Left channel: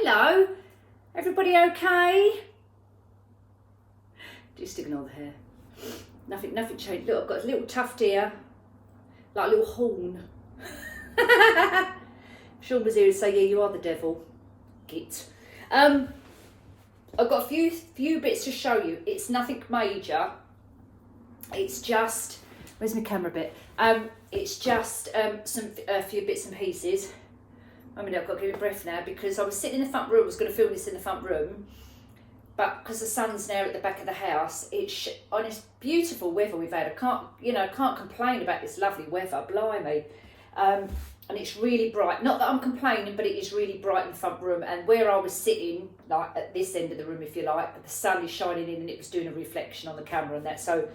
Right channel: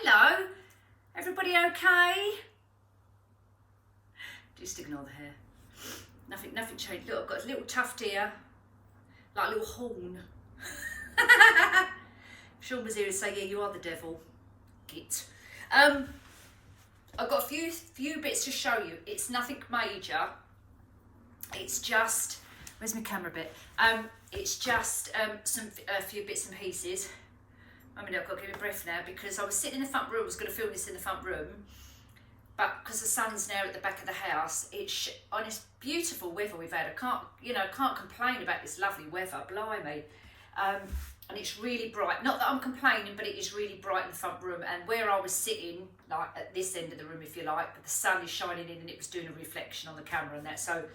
Hello, everybody okay? Just ignore the hair. Nothing changed. Look, I've got a little tuft here, like a little horn. Sean was here to say, yeah, you are the devil. Git. I've got a few bits to show you. It's nothing major. It's just, where's my camera bit? It's just a few bits and pieces. I mean, I've got to give it breath now because I was sitting in the front room. I was going to film this in the front room, but because the sun's now at the back of the house, it's on this beautiful weather we've had. I can't complain about this lovely weather. Blimey, and it's really bright. Not that I'm complaining, but it is really bright in the front room. And where I was sitting, like at this end of the room, if you like, but the sun is shining in and it was doing a reflection on the camera and that. So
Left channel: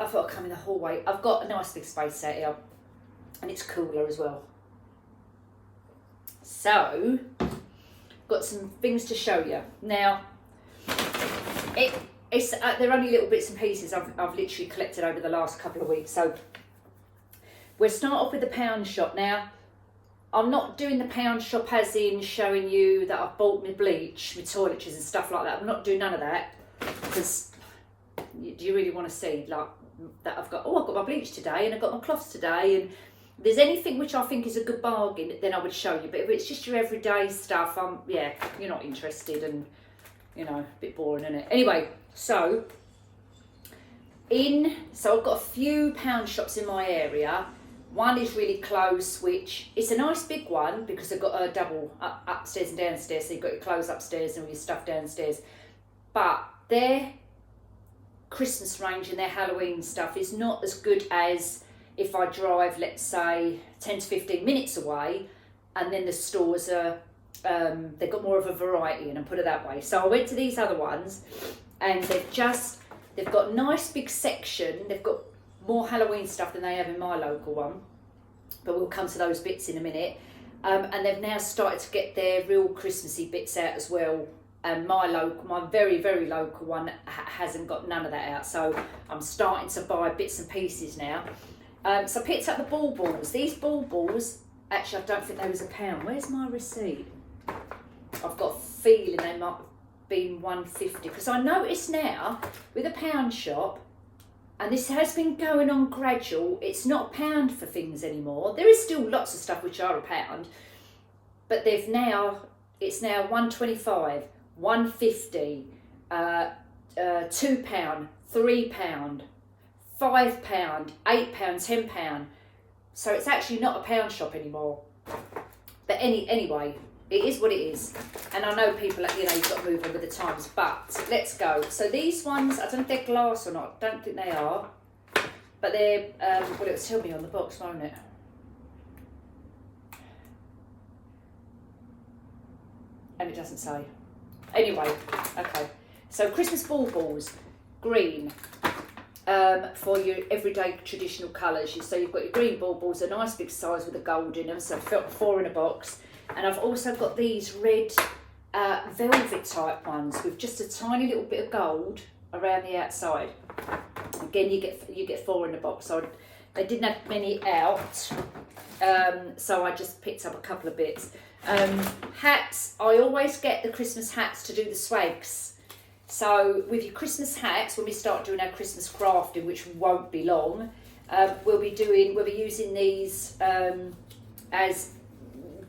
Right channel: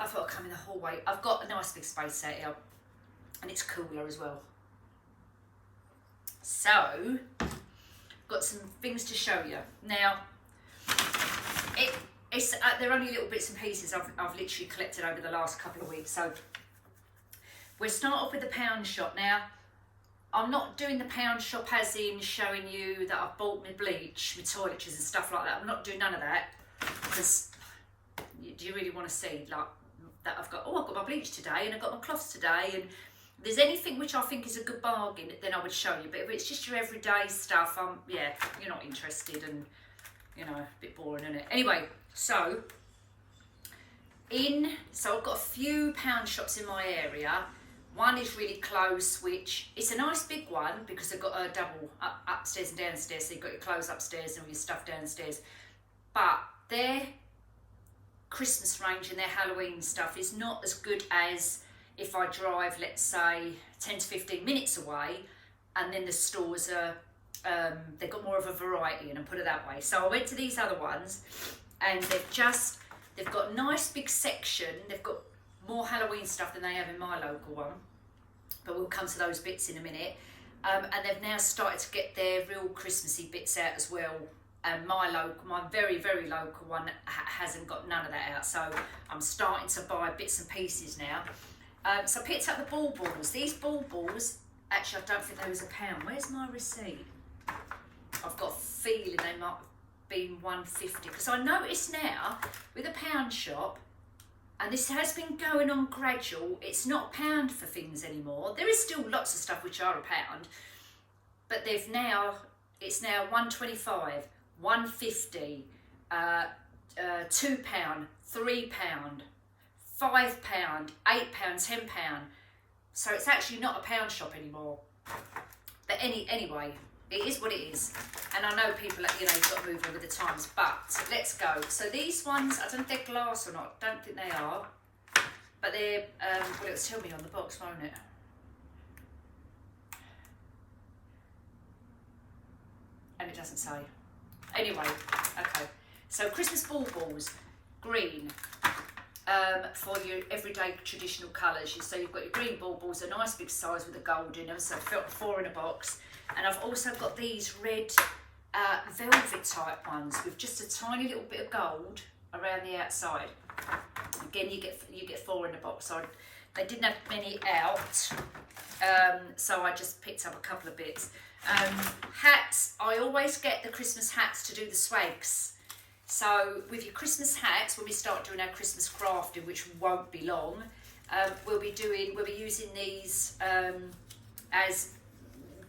I thought I'd come in the hallway. I've got a nice big space out here, and it's cooler as well. So, got some things to show you. Now, they're only little bits and pieces I've literally collected over the last couple of weeks. So, we'll start off with the pound shop. Now, I'm not doing the pound shop as in showing you that I've bought my bleach, my toiletries and stuff like that. I'm not doing none of that because do you really want to see like that I've got my bleach today and I've got my cloths today, and if there's anything which I think is a good bargain, then I would show you. But if it's just your everyday stuff, yeah, you're not interested, and a bit boring, isn't it? Anyway, so I've got a few pound shops in my area. One is really close, which it's a nice big one because they've got a double upstairs and downstairs. So you've got your clothes upstairs and all your stuff downstairs. But their Christmas range and their Halloween stuff is not as good as if I drive, let's say, 10 to 15 minutes away, and then the stores are, they've got more of a variety in, and put it that way. So I went to these other ones, and they've got a nice big section. They've got more Halloween stuff than they have in my local one, but we'll come to those bits in a minute. And they've now started to get their real Christmassy bits out as well. And my very, very local one hasn't got none of that out. So I'm starting to buy bits and pieces now. So I picked up the baubles. These baubles, actually I don't think they was £1. Where's my receipt? I've got a feeling they might have been £1.50 because I noticed now with a pound shop, and this has been going on gradual, it's not £1 for things anymore. There is still lots of stuff which are £1, but it's now £1.25, £1.50, £2, £3, £5, £8, £10. So it's actually not a pound shop anymore. But anyway, it is what it is. And I know people, you've got to move on with the times, but let's go. So these ones, I don't know if they're glass or not. Don't think they are. But they're, well, it'll tell me on the box, won't it? And it doesn't say. Anyway, okay. So Christmas baubles, green. For your everyday traditional colours. So you've got your green baubles, a nice big size with a gold in them, so I've got 4 in a box. And I've also got these red velvet type ones with just a tiny little bit of gold around the outside. Again, you get 4 in the box. So they didn't have many out, so I just picked up a couple of bits. Hats, I always get the Christmas hats to do the swags. So with your Christmas hats, when we start doing our Christmas crafting, which won't be long, we'll be using these as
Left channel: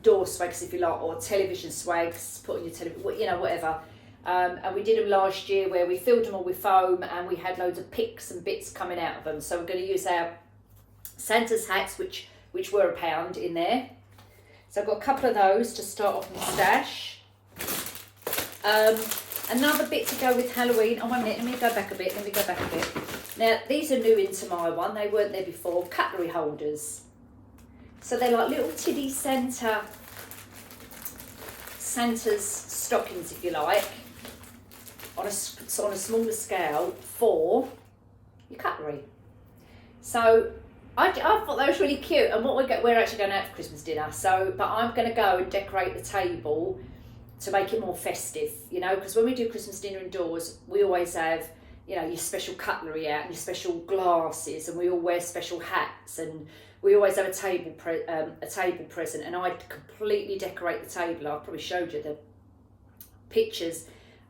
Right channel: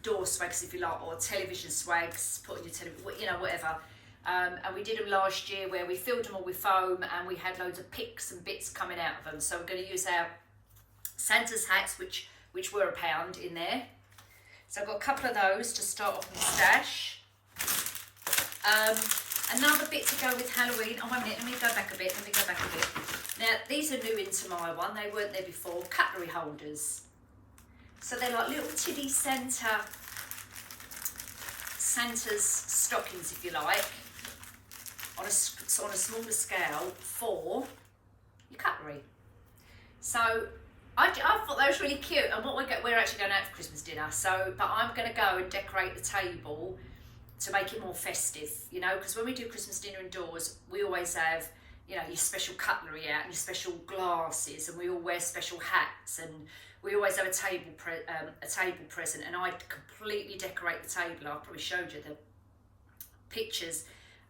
door swags, if you like, or television swags, put on your television, whatever. And we did them last year where we filled them all with foam and we had loads of picks and bits coming out of them. So we're going to use our Santa's hats, which were £1 in there. So I've got a couple of those to start off my stash. Another bit to go with Halloween. Oh, 1 minute, let me go back a bit. Now, these are new into my one. They weren't there before. Cutlery holders. So they're like little tiddy Santa's stockings, if you like, on a smaller scale for your cutlery. So I thought that was really cute. And what we're actually going out for Christmas dinner. But I'm going to go and decorate the table to make it more festive, because when we do Christmas dinner indoors, we always have, your special cutlery out and your special glasses, and we all wear special hats, and we always have a table present. And I completely decorate the table. I probably showed you pictures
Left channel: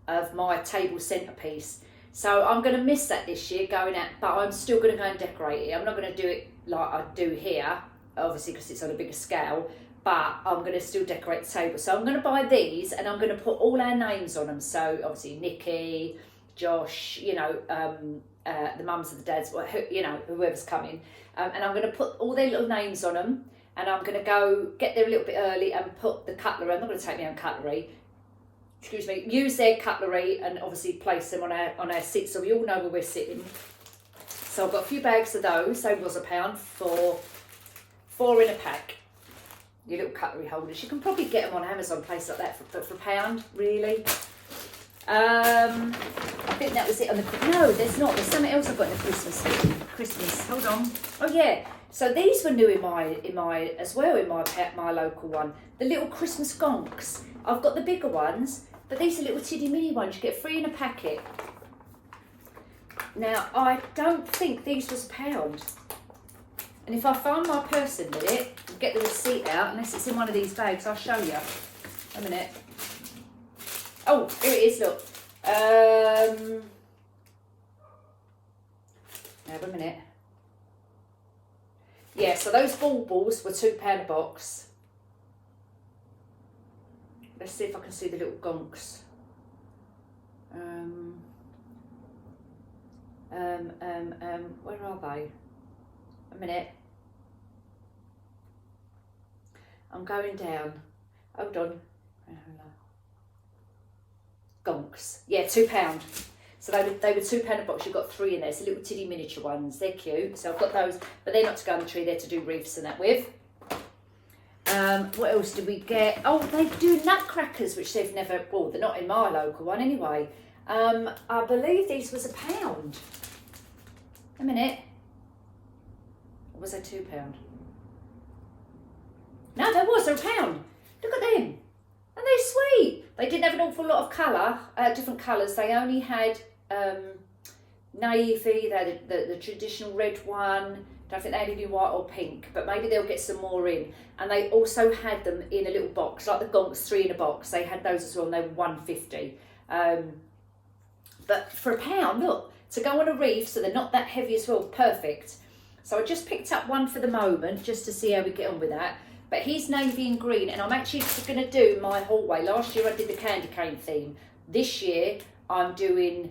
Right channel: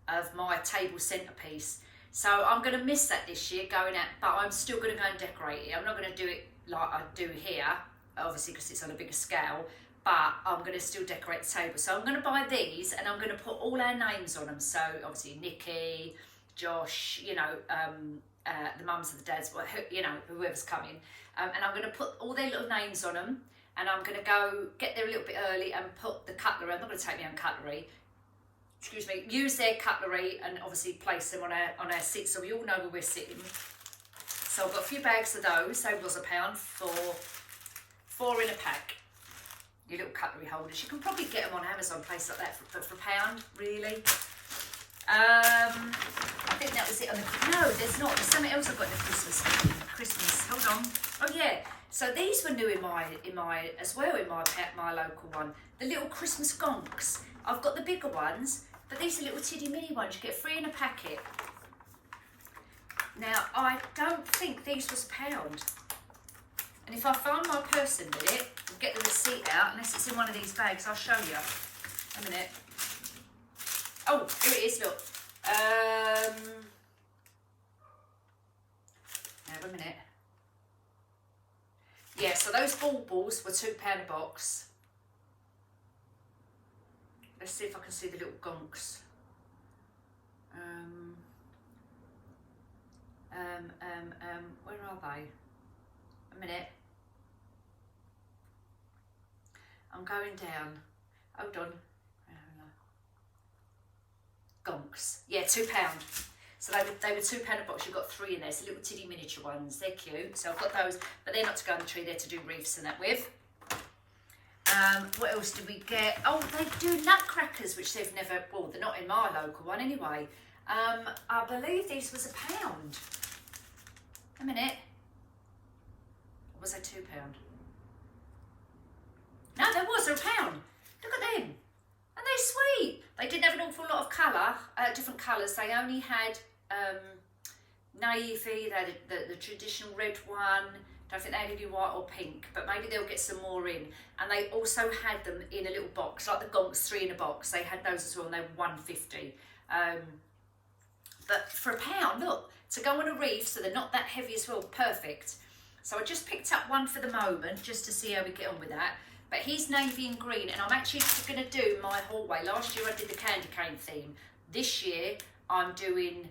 of my table centrepiece. So I'm going to miss that this year going out, but I'm still going to go and decorate it. I'm not going to do it like I do here, obviously because it's on a bigger scale, but I'm going to still decorate the table. So I'm going to buy these and I'm going to put all our names on them. So obviously Nikki, Josh, you know, the mums and the dads, you know, whoever's coming. And I'm going to put all their little names on them, and I'm going to go get there a little bit early and put the cutlery. I'm not going to take my own cutlery. Excuse me. Use their cutlery and obviously place them on our seat so we all know where we're sitting. So I've got a few bags of those. They was £1 for 4 in a pack. Your little cutlery holders. You can probably get them on Amazon, place like that, for £1, really. I think that was it on the. No, there's not. There's something else I've got in the Christmas. Hold on. Oh yeah. So these were new in my as well in my local one. The little Christmas gonks. I've got the bigger ones, but these are little tiddy mini ones. You get 3 in a packet. Now I don't think these was £1. And if I find my purse in it and get the receipt out, unless it's in one of these bags, I'll show you. A minute. Oh, there it is, look. Now, wait a minute. Yeah, so those baubles were £2 a box. Let's see if I can see the little gonks. Where are they? A minute. I'm going down. Hold on. Gonks. Yeah, £2. So they were £2 a box. You've got 3 in there. It's the little tiddy miniature ones. They're cute. So I've got those, but they're not to go on the tree. They're to do wreaths and that with. What else did we get? Oh, they do nutcrackers, which they've never. Well, they're not in my local one anyway. I believe these was £1. A minute. Or was they £2? No, there was. They're £1. Look at them. And they're sweet. They didn't have an awful lot of colour, different colours. They only had navy, they had the traditional red one. Don't think they had any white or pink, but maybe they'll get some more in. And they also had them in a little box, like the Gonks 3 in a box. They had those as well, and they were £1.50. But for £1, look, to go on a wreath, so they're not that heavy as well, perfect. So I just picked up one for the moment, just to see how we get on with that. But he's navy and green, and I'm actually going to do my hallway. Last year I did the candy cane theme. This year I'm doing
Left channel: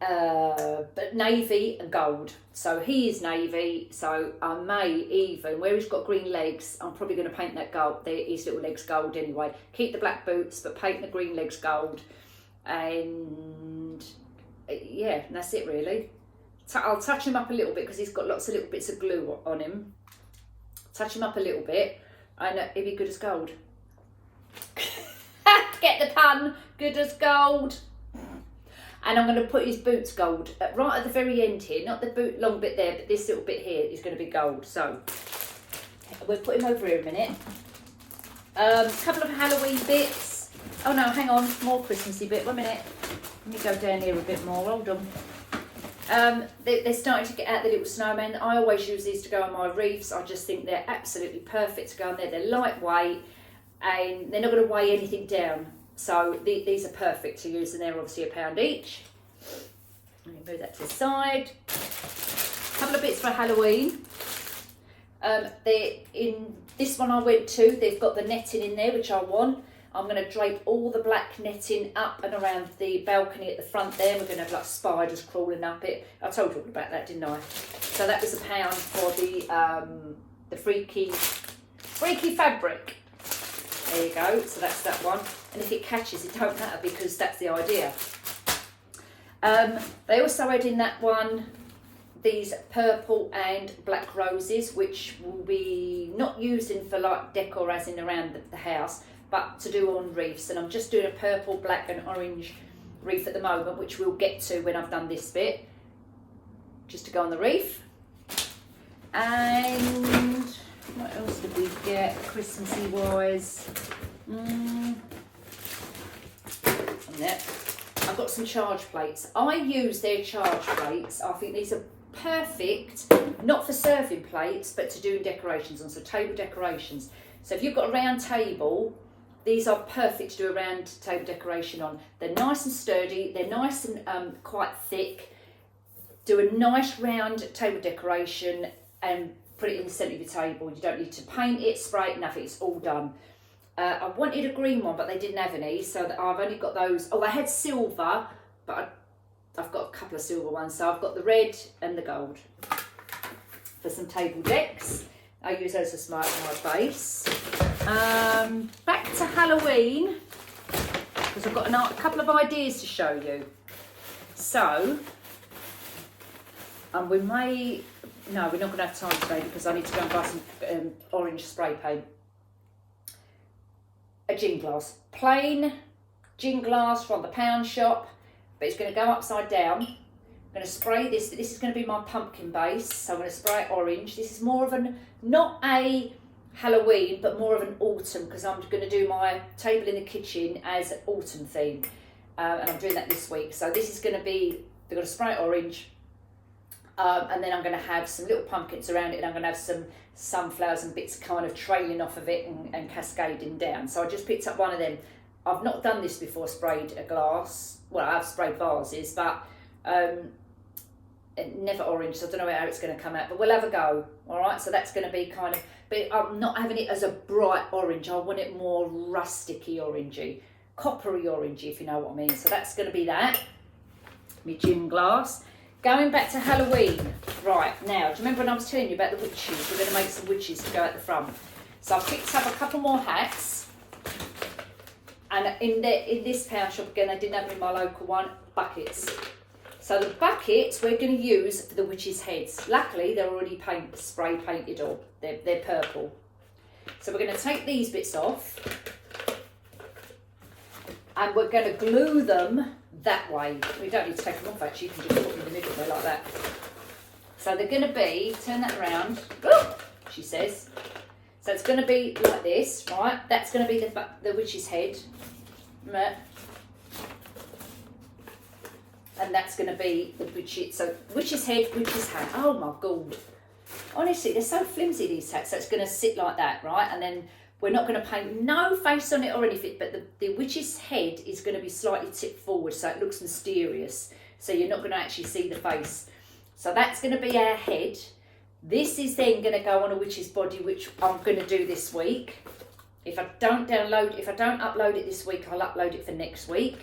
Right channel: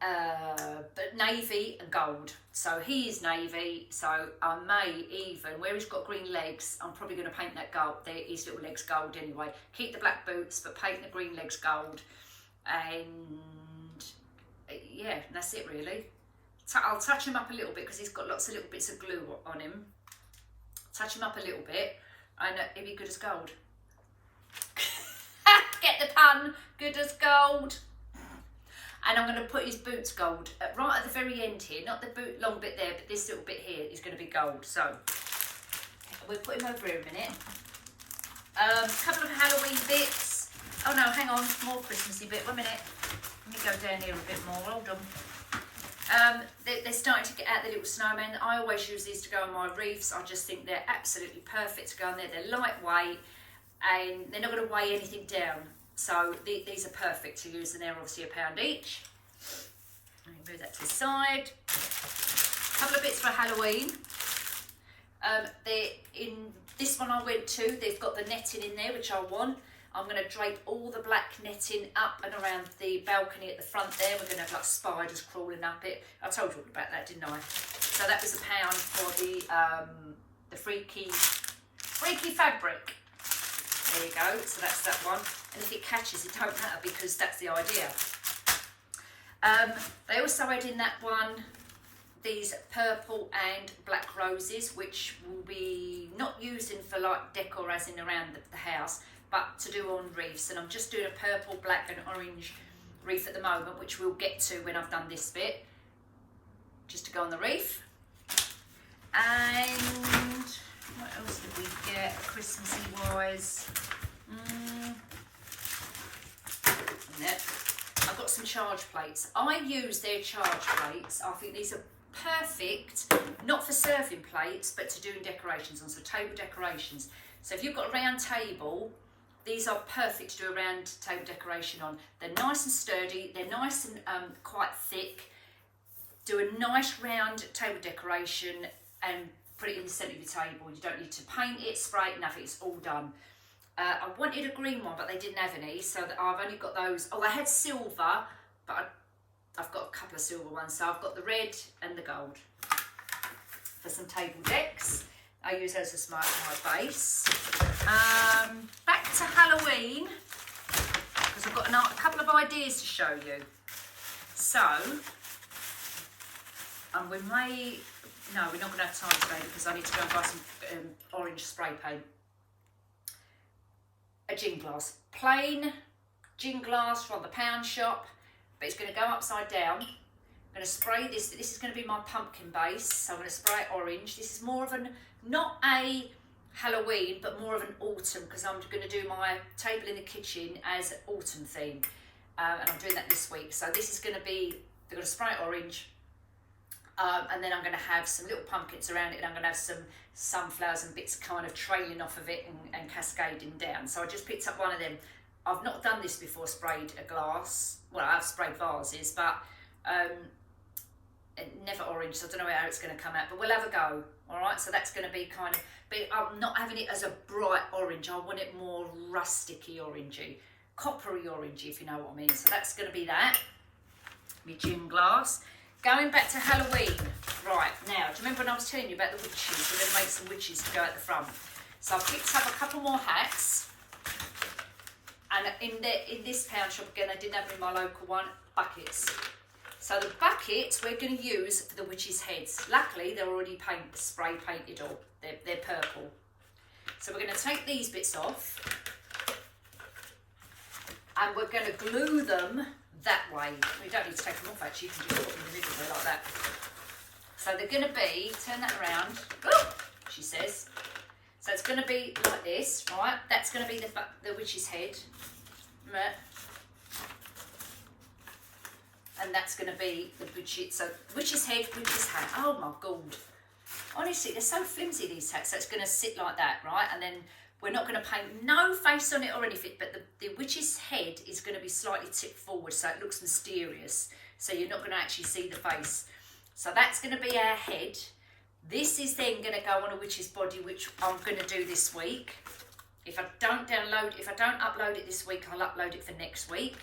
but navy and gold. So he is navy, so I may even, where he's got green legs, I'm probably going to paint that gold, his little legs gold anyway. Keep the black boots, but paint the green legs gold. And yeah, and that's it really. I'll touch him up a little bit because he's got lots of little bits of glue on him. Touch him up a little bit, and he'll be good as gold. Get the pun, good as gold. And I'm going to put his boots gold right at the very end here, not the boot long bit there, but this little bit here is going to be gold. So we'll put him over here a minute. A couple of Halloween bits. Oh no, hang on, more Christmassy bit. 1 minute. Let me go down here a bit more. Hold on. They're starting to get out the little snowmen. I always use these to go on my wreaths. I just think they're absolutely perfect to go on there. They're lightweight and they're not going to weigh anything down. So these are perfect to use, and they're obviously £1 each. Let me move that to the side. A couple of bits for Halloween. In this one I went to, they've got the netting in there, which I want. I'm going to drape all the black netting up and around the balcony at the front there. We're going to have like spiders crawling up it. I told you all about that, didn't I? So that was £1 for the freaky fabric. There you go. So that's that one. And if it catches, it don't matter because that's the idea. They also had in that one these purple and black roses, which will be not using for like decor as in around the house, but to do on wreaths. And I'm just doing a purple, black and orange wreath at the moment, which we'll get to when I've done this bit, just to go on the wreath. And what else did we get Christmassy wise? I've got some charge plates. I use their charge plates. I think these are perfect, not for serving plates, but to do decorations on, so table decorations. So if you've got a round table, these are perfect to do a round table decoration on. They're nice and sturdy, they're nice and quite thick. Do a nice round table decoration and put it in the centre of your table. You don't need to paint it, spray it, nothing, it's all done. I wanted a green one, but they didn't have any, so I've only got those. Oh, I had silver, but I've got a couple of silver ones, so I've got the red and the gold. For some table decks, I use those as my base. Back to Halloween, because I've got a couple of ideas to show you. So, we're not going to have time today because I need to go and buy some orange spray paint. A gin glass, plain gin glass from the pound shop, but it's going to go upside down. I'm going to spray this. This is going to be my pumpkin base, so I'm going to spray it orange. This is more of not a Halloween, but more of an autumn, because I'm going to do my table in the kitchen as an autumn theme, and I'm doing that this week. So this is going to be, they're going to spray it orange, and then I'm going to have some little pumpkins around it, and I'm going to have some sunflowers and bits kind of trailing off of it and cascading down. So I just picked up one of them. I've not done this before, sprayed a glass. Well, I've sprayed vases, but never orange, so I don't know how it's going to come out, but we'll have a go. All right, so that's going to be kind of, but I'm not having it as a bright orange. I want it more rusticy orangey, coppery orangey, if you know what I mean. So that's going to be that. My gin glass. Going back to Halloween, right, now, do you remember when I was telling you about the witches? We're going to make some witches to go at the front. So I've picked up a couple more hats, and in this pound shop, again, I didn't have them in my local one, buckets. So the buckets we're going to use for the witches' heads. Luckily, they're already spray painted, or they're purple. So we're going to take these bits off, and we're going to glue them that way. We don't need to take them off, actually. You can just put them in the middle there like that. So they're going to be, turn that around, oh, she says. So it's going to be like this, right? That's going to be the witch's head. And that's going to be the witch's, so witch's head, witch's hat. Oh my God. Honestly, they're so flimsy, these hats. So it's going to sit like that, right? And then we're not going to paint no face on it or anything, but the witch's head is going to be slightly tipped forward, so it looks mysterious. So you're not going to actually see the face. So that's going to be our head. This is then going to go on a witch's body, which I'm going to do this week. If I don't upload it this week, I'll upload it for next week.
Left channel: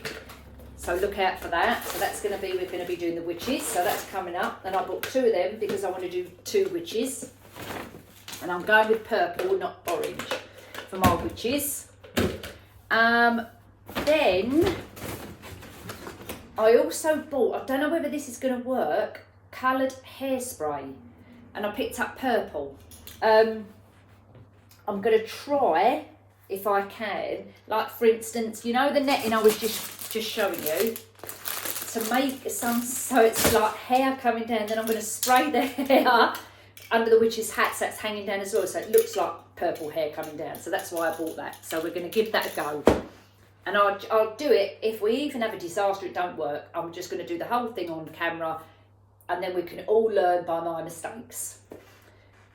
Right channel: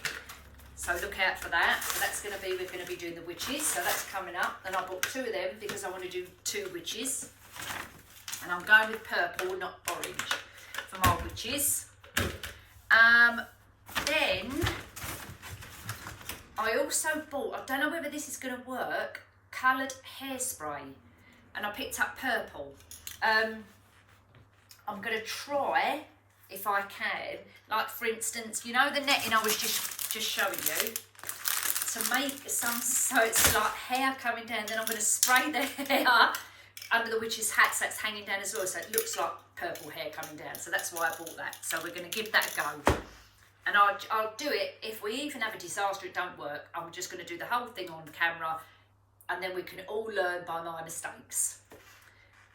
So look out for that. So that's going to be, we're going to be doing the witches. So that's coming up. And I bought two of them because I want to do two witches. And I'm going with purple, not orange, for my witches. Then I also bought, I don't know whether this is going to work, coloured hairspray. And I picked up purple. I'm going to try, if I can, like for instance, you know the netting I was just showing you, to make some, so it's like hair coming down, then I'm going to spray the hair under the witch's hat, so that's hanging down as well, so it looks like purple hair coming down. So that's why I bought that. So we're going to give that a go. And I'll do it, if we even have a disaster, it don't work, I'm just going to do the whole thing on camera, and then we can all learn by my mistakes.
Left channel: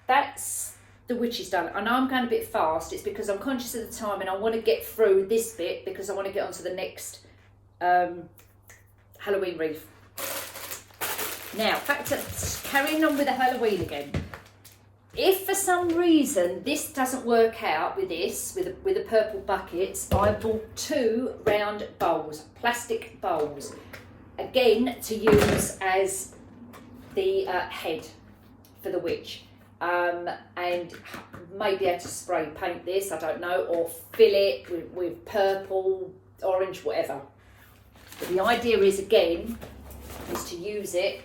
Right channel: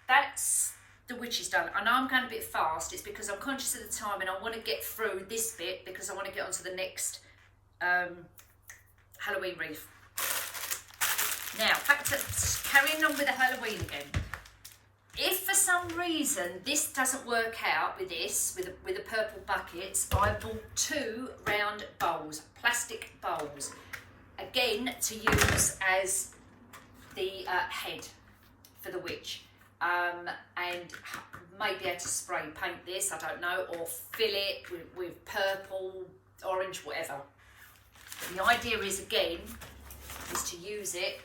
That's the witch is done. I know I'm going a bit fast. It's because I'm conscious of the time and I want to get through this bit because I want to get on to the next Halloween wreath. Now, back to carrying on with the Halloween again. If for some reason this doesn't work out with this, with the purple buckets, I bought two round bowls, plastic bowls, again to use as the head for the witch. And maybe able to spray paint this, I don't know, or fill it with purple, orange, whatever. But the idea is, again, is to use it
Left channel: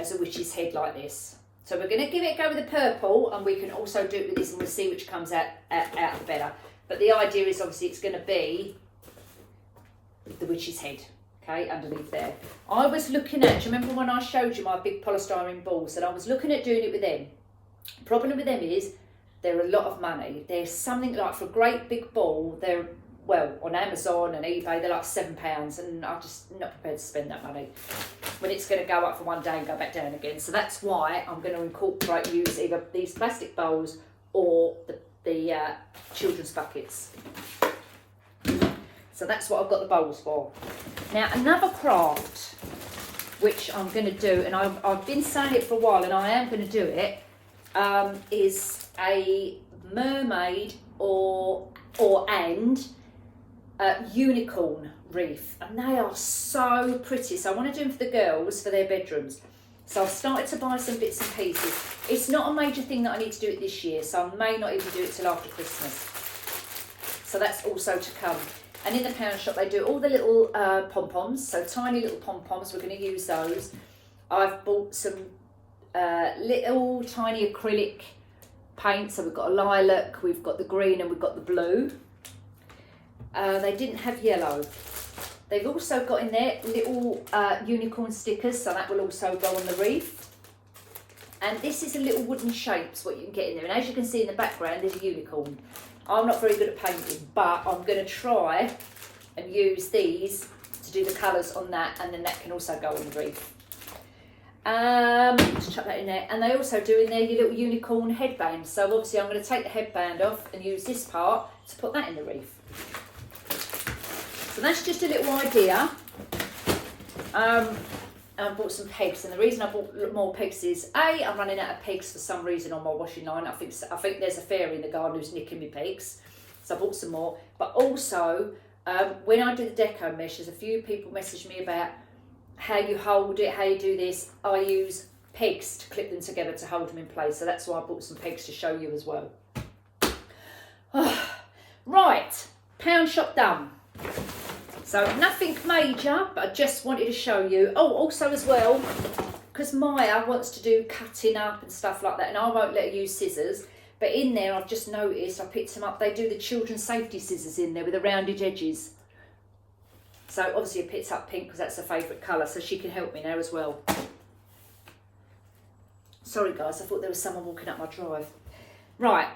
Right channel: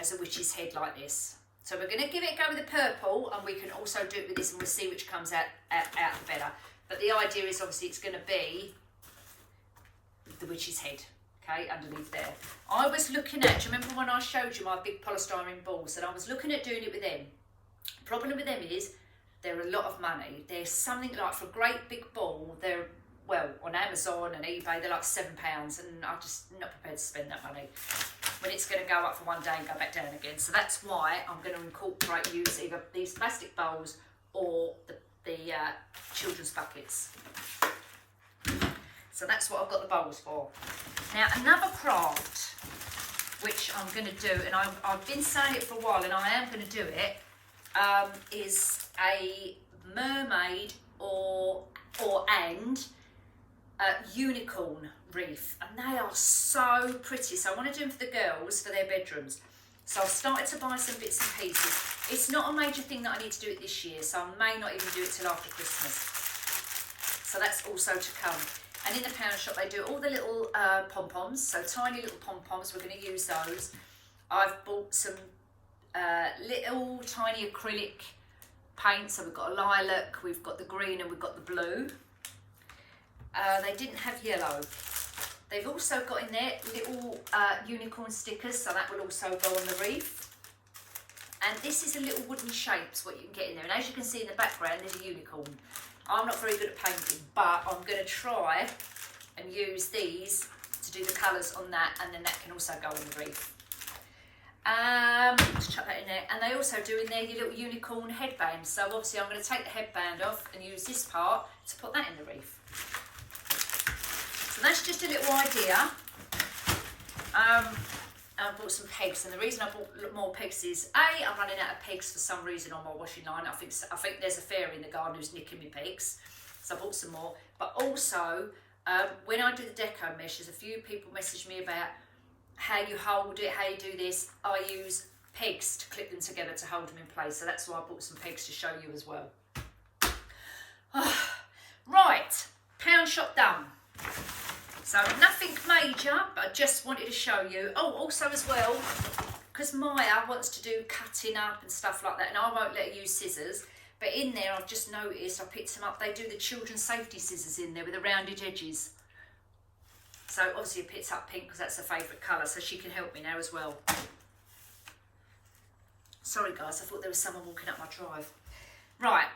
as a witch's head like this. So we're going to give it a go with the purple, and we can also do it with this, and we'll see which comes out better. But the idea is, obviously, it's going to be the witch's head, okay, underneath there. I was looking at, do you remember when I showed you my big polystyrene balls, and I was looking at doing it with them. The problem with them is they're a lot of money. They're something like, for a great big ball, they're, well, on Amazon and eBay, they're like £7, and I'm just not prepared to spend that money when it's going to go up for one day and go back down again. So that's why I'm going to incorporate, use either these plastic bowls or the children's buckets. So that's what I've got the bowls for. Now another craft which I'm going to do, and I've been saying it for a while and I am going to do it, is a mermaid or unicorn wreath, and they are so pretty. So I want to do them for the girls for their bedrooms. So I've started to buy some bits and pieces. It's not a major thing that I need to do it this year, so I may not even do it till after Christmas. So that's also to come. And in the pound shop they do all the little pom-poms, so tiny little pom-poms, we're going to use those. I've bought some little tiny acrylic paint, so we've got a lilac, we've got the green and we've got the blue. They didn't have yellow. They've also got in there little unicorn stickers, so that will also go on the wreath. And this is a little wooden shapes what you can get in there, and as you can see in the background there's a unicorn. I'm not very good at painting, but I'm going to try and use these to do the colours on that, and then that can also go on the wreath. Just chuck that in there. And they also do in there your little unicorn headband, so obviously I'm going to take the headband off and use this part to put that in the wreath. So that's just a little idea. I bought some pegs, and the reason I bought more pegs is I'm running out of pegs for some reason on my washing line. I think there's a fairy in the garden who's nicking me pegs, so I bought some more. But also when I do the deco mesh, there's a few people message me about how you hold it, how you do this. I use pegs to clip them together to hold them in place, so that's why I bought some pegs to show you as well. Right, pound shop done. So nothing major, but I just wanted to show you. Oh, also as well, because Maya wants to do cutting up and stuff like that, and I won't let her use scissors, but in there I've just noticed, I picked them up, they do the children's safety scissors in there with the rounded edges. So obviously I picked up pink because that's her favourite colour, so she can help me now as well. Sorry guys, I thought there was someone walking up my drive. Right,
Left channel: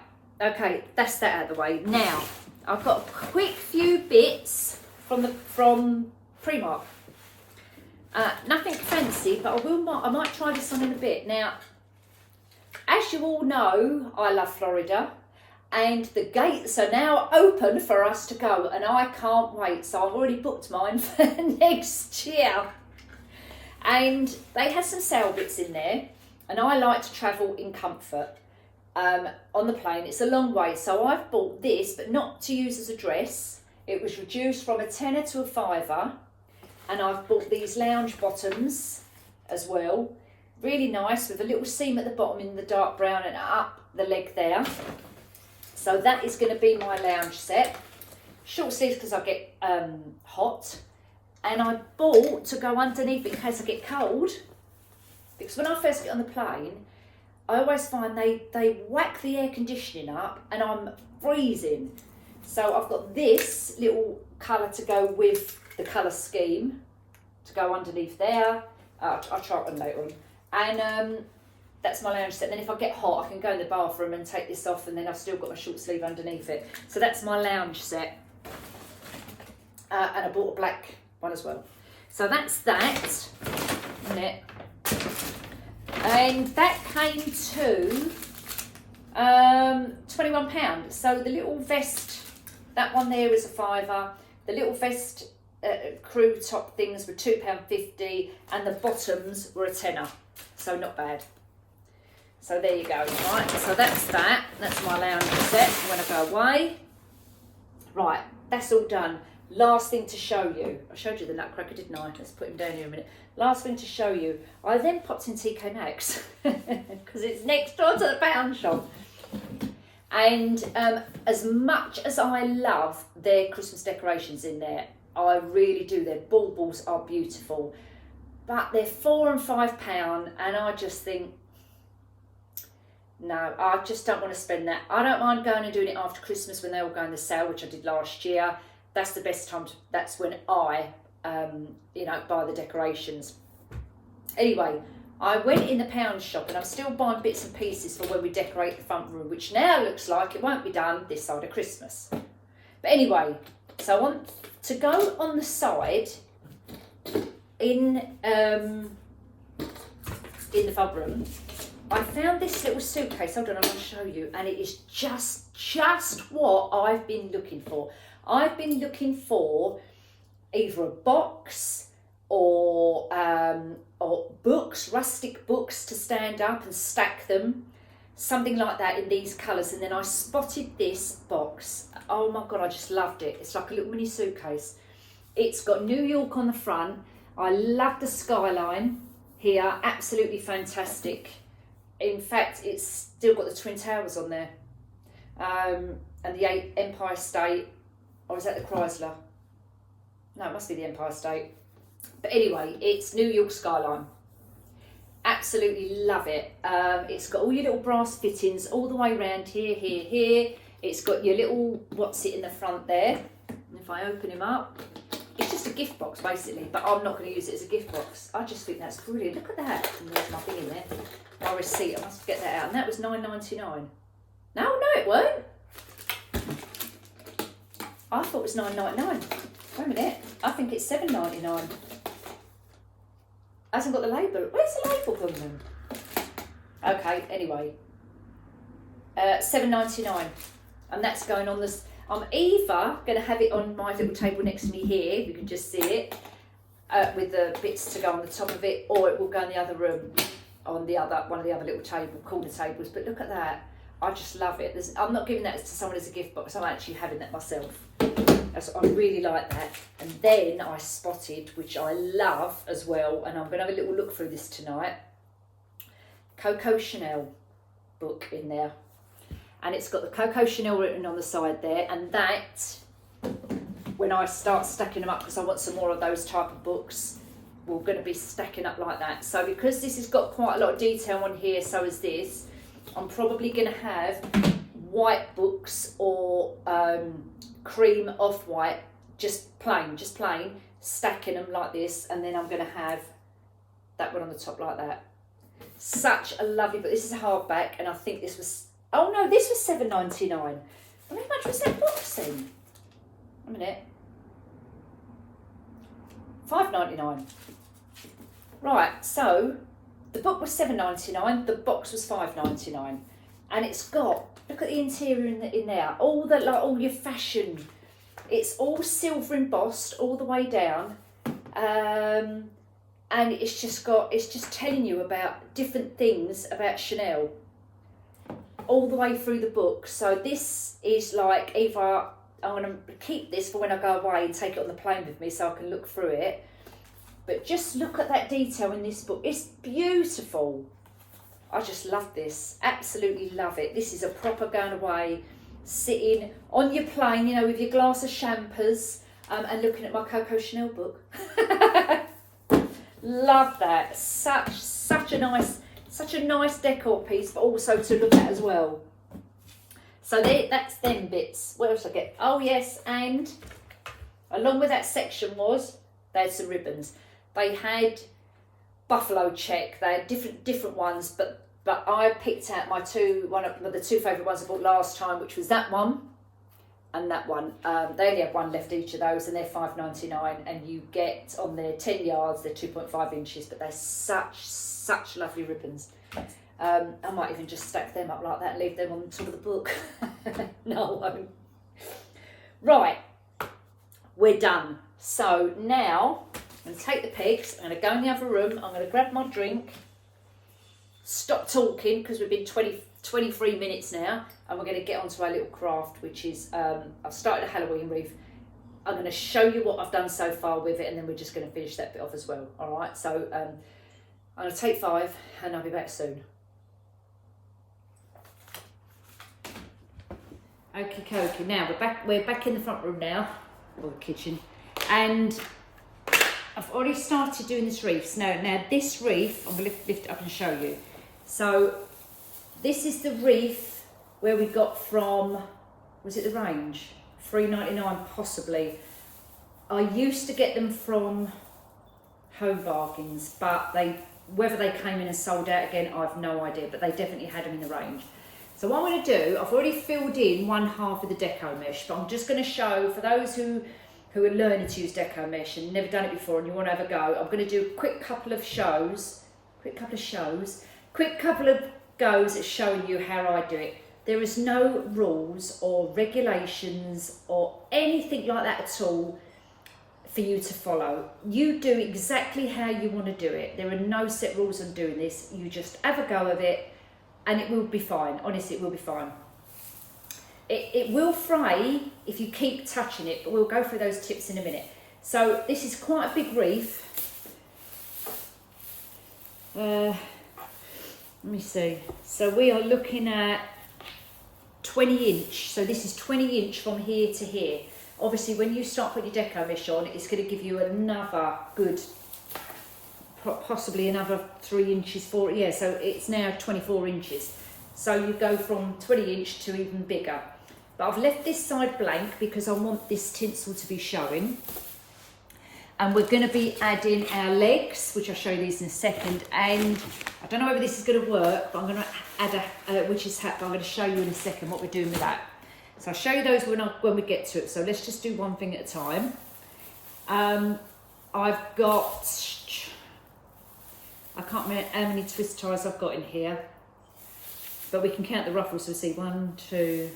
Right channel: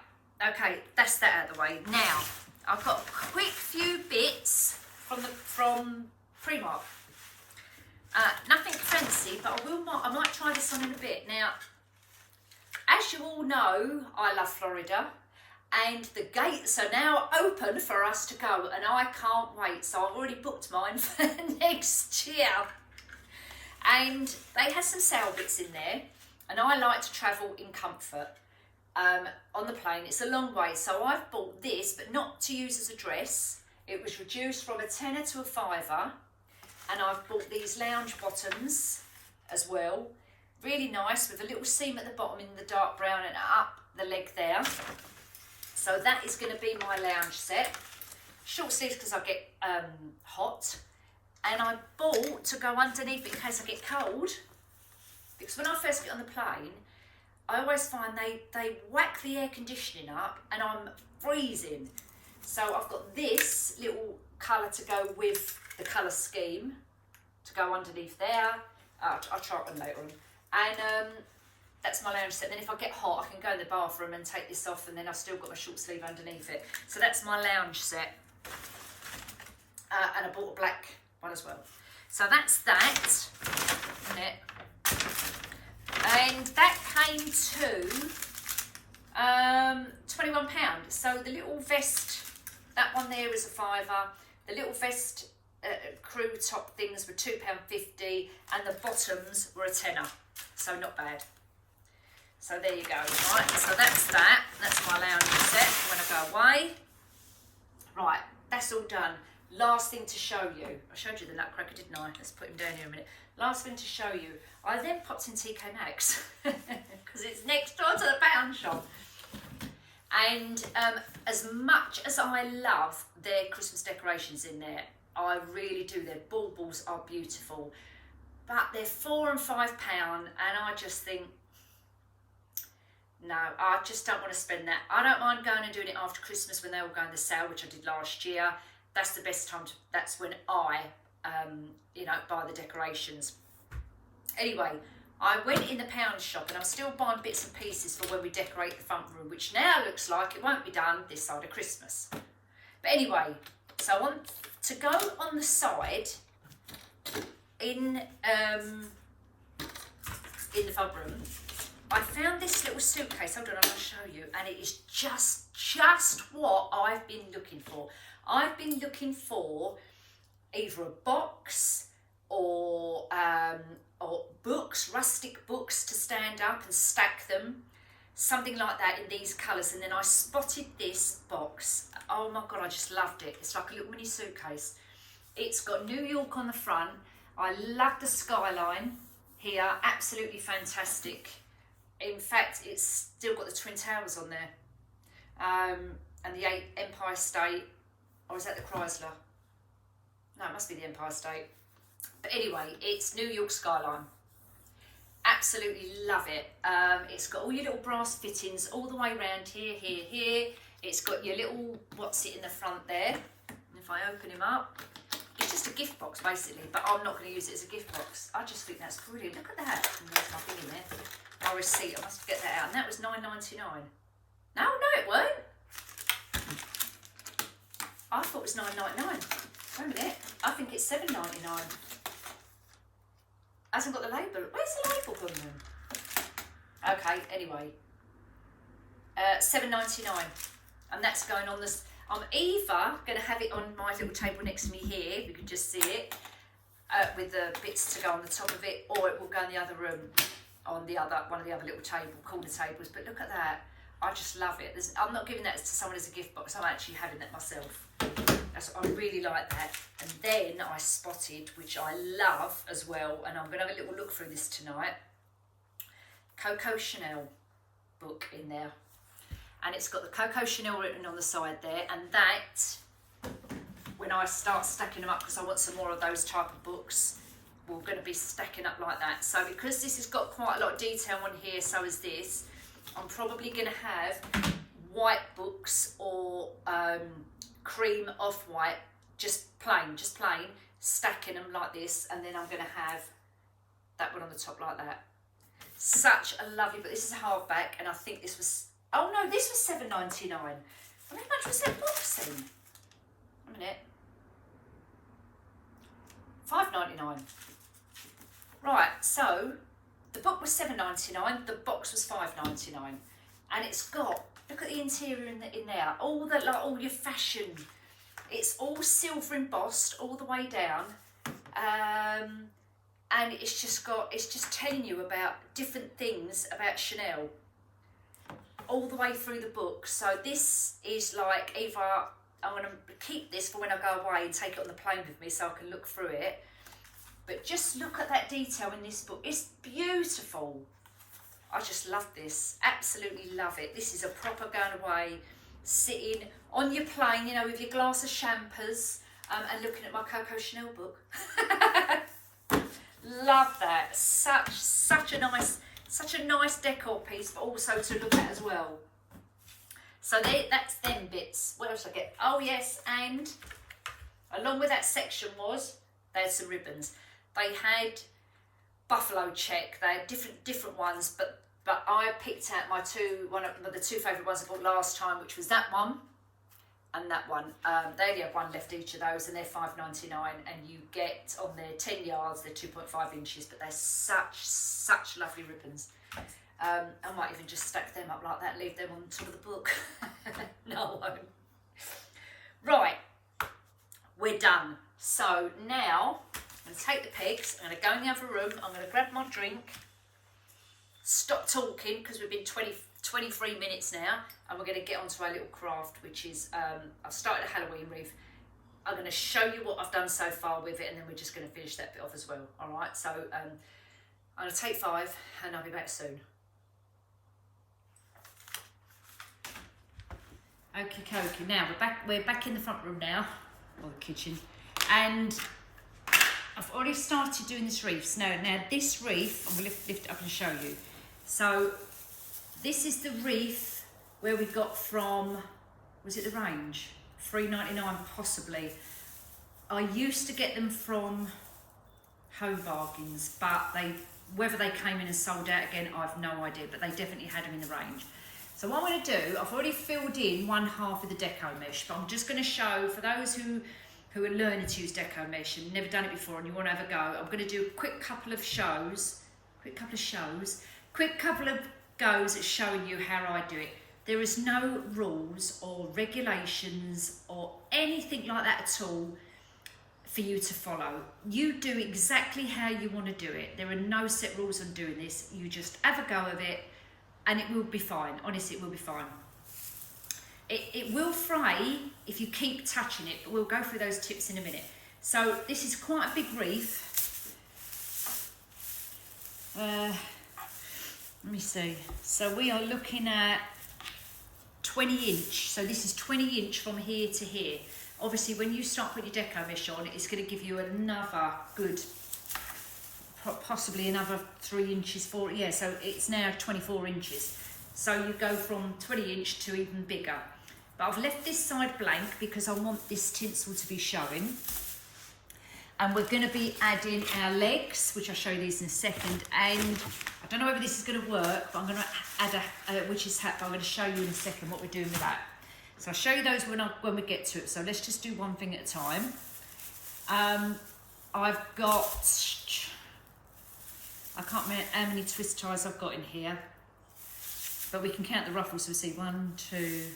okay, that's that out of the way. Now, I've got a quick few bits from Primark. Nothing fancy, but I might try this on in a bit. Now, as you all know, I love Florida, and the gates are now open for us to go, and I can't wait. So I've already booked mine for next year. And they had some sale bits in there, and I like to travel in comfort on the plane. It's a long way, so I've bought this, but not to use as a dress. It was reduced from a tenner to a fiver, and I've bought these lounge bottoms as well. Really nice, with a little seam at the bottom in the dark brown and up the leg there. So that is going to be my lounge set. Short sleeves because I get hot. And I bought to go underneath in case I get cold. Because when I first get on the plane, I always find they whack the air conditioning up and I'm freezing. So I've got this little colour to go with the colour scheme to go underneath there. I'll try it on later on. And that's my lounge set. Then if I get hot, I can go in the bathroom and take this off, and then I've still got my short sleeve underneath it. So that's my lounge set. And I bought a black one as well. So that's that. Isn't it? And that came to £21. So the little vest, that one there is a fiver. The little vest crew top things were £2.50, and the bottoms were a tenner. So not bad. So there you go. Right, so that's that. That's my lounge set when I go away. Right, that's all done. Last thing to show you. I showed you the nutcracker, didn't I? Let's put him down here a minute. Last thing to show you. I then popped in TK Maxx because it's next door to the pound shop. And as much as I love their Christmas decorations in there, I really do. Their baubles are beautiful, but they're £4 and £5, and I just think, no, I just don't want to spend that. I don't mind going and doing it after Christmas when they all go on the sale, which I did last year. That's the best time. That's when I, buy the decorations. Anyway, I went in the pound shop, and I'm still buying bits and pieces for when we decorate the front room, which now looks like it won't be done this side of Christmas. But anyway, so I want to go on the side in the front room. I found this little suitcase, hold on, I'm going to show you, and it is just what I've been looking for. I've been looking for either a box or books, rustic books to stand up and stack them, something like that in these colours. And then I spotted this box. Oh my God, I just loved it. It's like a little mini suitcase. It's got New York on the front. I love the skyline here, absolutely fantastic. In fact, it's still got the Twin Towers on there, and the Empire State, or is that the Chrysler? No, it must be the Empire State. But anyway, it's New York skyline. Absolutely love it. It's got all your little brass fittings all the way around here, here, here. It's got your little what's it in the front there. And if I open him up, it's just a gift box basically, but I'm not going to use it as a gift box. I just think that's brilliant. Look at that. And there's my thing in there. My receipt, I must get that out. And that was $9.99. No, it weren't. I thought it was $9.99. Wait a minute. I think it's $7.99. Hasn't got the label. Where's the label gone then? Okay, anyway. $7.99. And that's going on this. I'm either going to have it on my little table next to me here, you can just see it, with the bits to go on the top of it, or it will go in the other room, on the other one of the other little corner tables. But look at that. I just love it. I'm not giving that to someone as a gift box. I'm actually having that myself. I really like that. And then I spotted, which I love as well, and I'm going to have a little look through this tonight, Coco Chanel book in there. And it's got the Coco Chanel written on the side there. And that, when I start stacking them up, because I want some more of those type of books, we're going to be stacking up like that. So because this has got quite a lot of detail on here, so is this, I'm probably going to have white books or cream off-white, just plain, stacking them like this. And then I'm going to have that one on the top like that. Such a lovely book. This is a hardback, and I think this was, oh no, this was $7.99. Well, how much was that box then? A minute. $5.99. Right, so the book was $7.99, the box was $5.99, and it's got, look at the interior in there, all your fashion. It's all silver embossed all the way down, and it's just telling you about different things about Chanel all the way through the book. So this is like, either I'm going to keep this for when I go away and take it on the plane with me so I can look through it. But just look at that detail in this book. It's beautiful. I just love this. Absolutely love it. This is a proper going away, sitting on your plane, you know, with your glass of champers, and looking at my Coco Chanel book. Love that. Such a nice decor piece, but also to look at as well. So that's them bits. What else I get? Oh yes, and along with that section they had some ribbons. They had buffalo check. They had different ones, but I picked out one of the two favourite ones I bought last time, which was that one and that one. They only have one left each of those, and they're $5.99, and you get on their 10 yards, they're 2.5 inches, but they're such lovely ribbons. I might even just stack them up like that and leave them on top of the book. No, I won't. Right, we're done. So now I'm going to take the pegs, I'm going to go in the other room, I'm going to grab my drink, stop talking because we've been 23 minutes now, and we're going to get onto our little craft, which is, I've started a Halloween wreath. I'm going to show you what I've done so far with it, and then we're just going to finish that bit off as well. All right, so I'm going to take 5 and I'll be back soon. Okie dokie, now we're back in the front room now, or the kitchen, and I've already started doing this wreath. Now this wreath, I'm going to lift it up and show you. So this is the wreath where we got from, was it the range? $3.99 possibly. I used to get them from Home Bargains, but whether they came in and sold out again, I have no idea, but they definitely had them in the range. So what I'm going to do, I've already filled in one half of the deco mesh, but I'm just going to show, for those who are learning to use deco mesh and never done it before and you want to have a go, I'm going to do a quick couple of shows, quick couple of goes at showing you how I do it. There is no rules or regulations or anything like that at all for you to follow. You do exactly how you want to do it. There are no set rules on doing this. You just have a go of it and it will be fine. Honestly, it will be fine. It will fray if you keep touching it, but we'll go through those tips in a minute. So this is quite a big wreath. Let me see. So we are looking at 20 inch. So this is 20 inch from here to here. Obviously, when you start putting your deco mesh on, it's going to give you another good, possibly another 3 inches, 4. Yeah, so it's now 24 inches. So you go from 20 inch to even bigger. But I've left this side blank because I want this tinsel to be showing. And we're going to be adding our legs, which I'll show you these in a second. And I don't know whether this is going to work, but I'm going to add a witch's hat, but I'm going to show you in a second what we're doing with that. So I'll show you those when we get to it. So let's just do one thing at a time. I've got, I can't remember how many twist ties I've got in here, but we can count the ruffles. So we see 1, 2,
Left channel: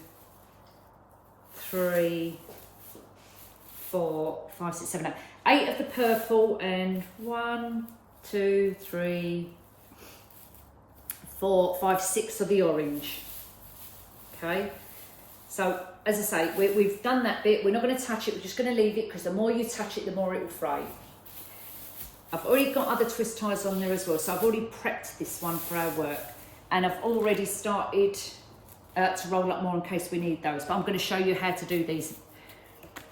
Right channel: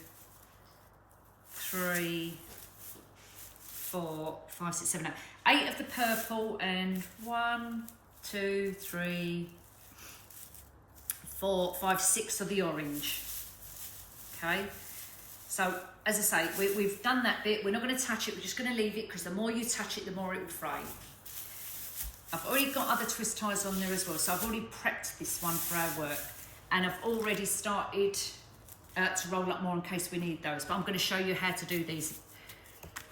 3, 4, 5, 6, 7, 8. 8 of the purple and 1, 2, 3, 4, 5, 6 of the orange. Okay, so as I say, we've done that bit. We're not going to touch it. We're just going to leave it because the more you touch it, the more it will fray. I've already got other twist ties on there as well, so I've already prepped this one for our work, and I've already started to roll up more in case we need those. But I'm going to show you how to do these.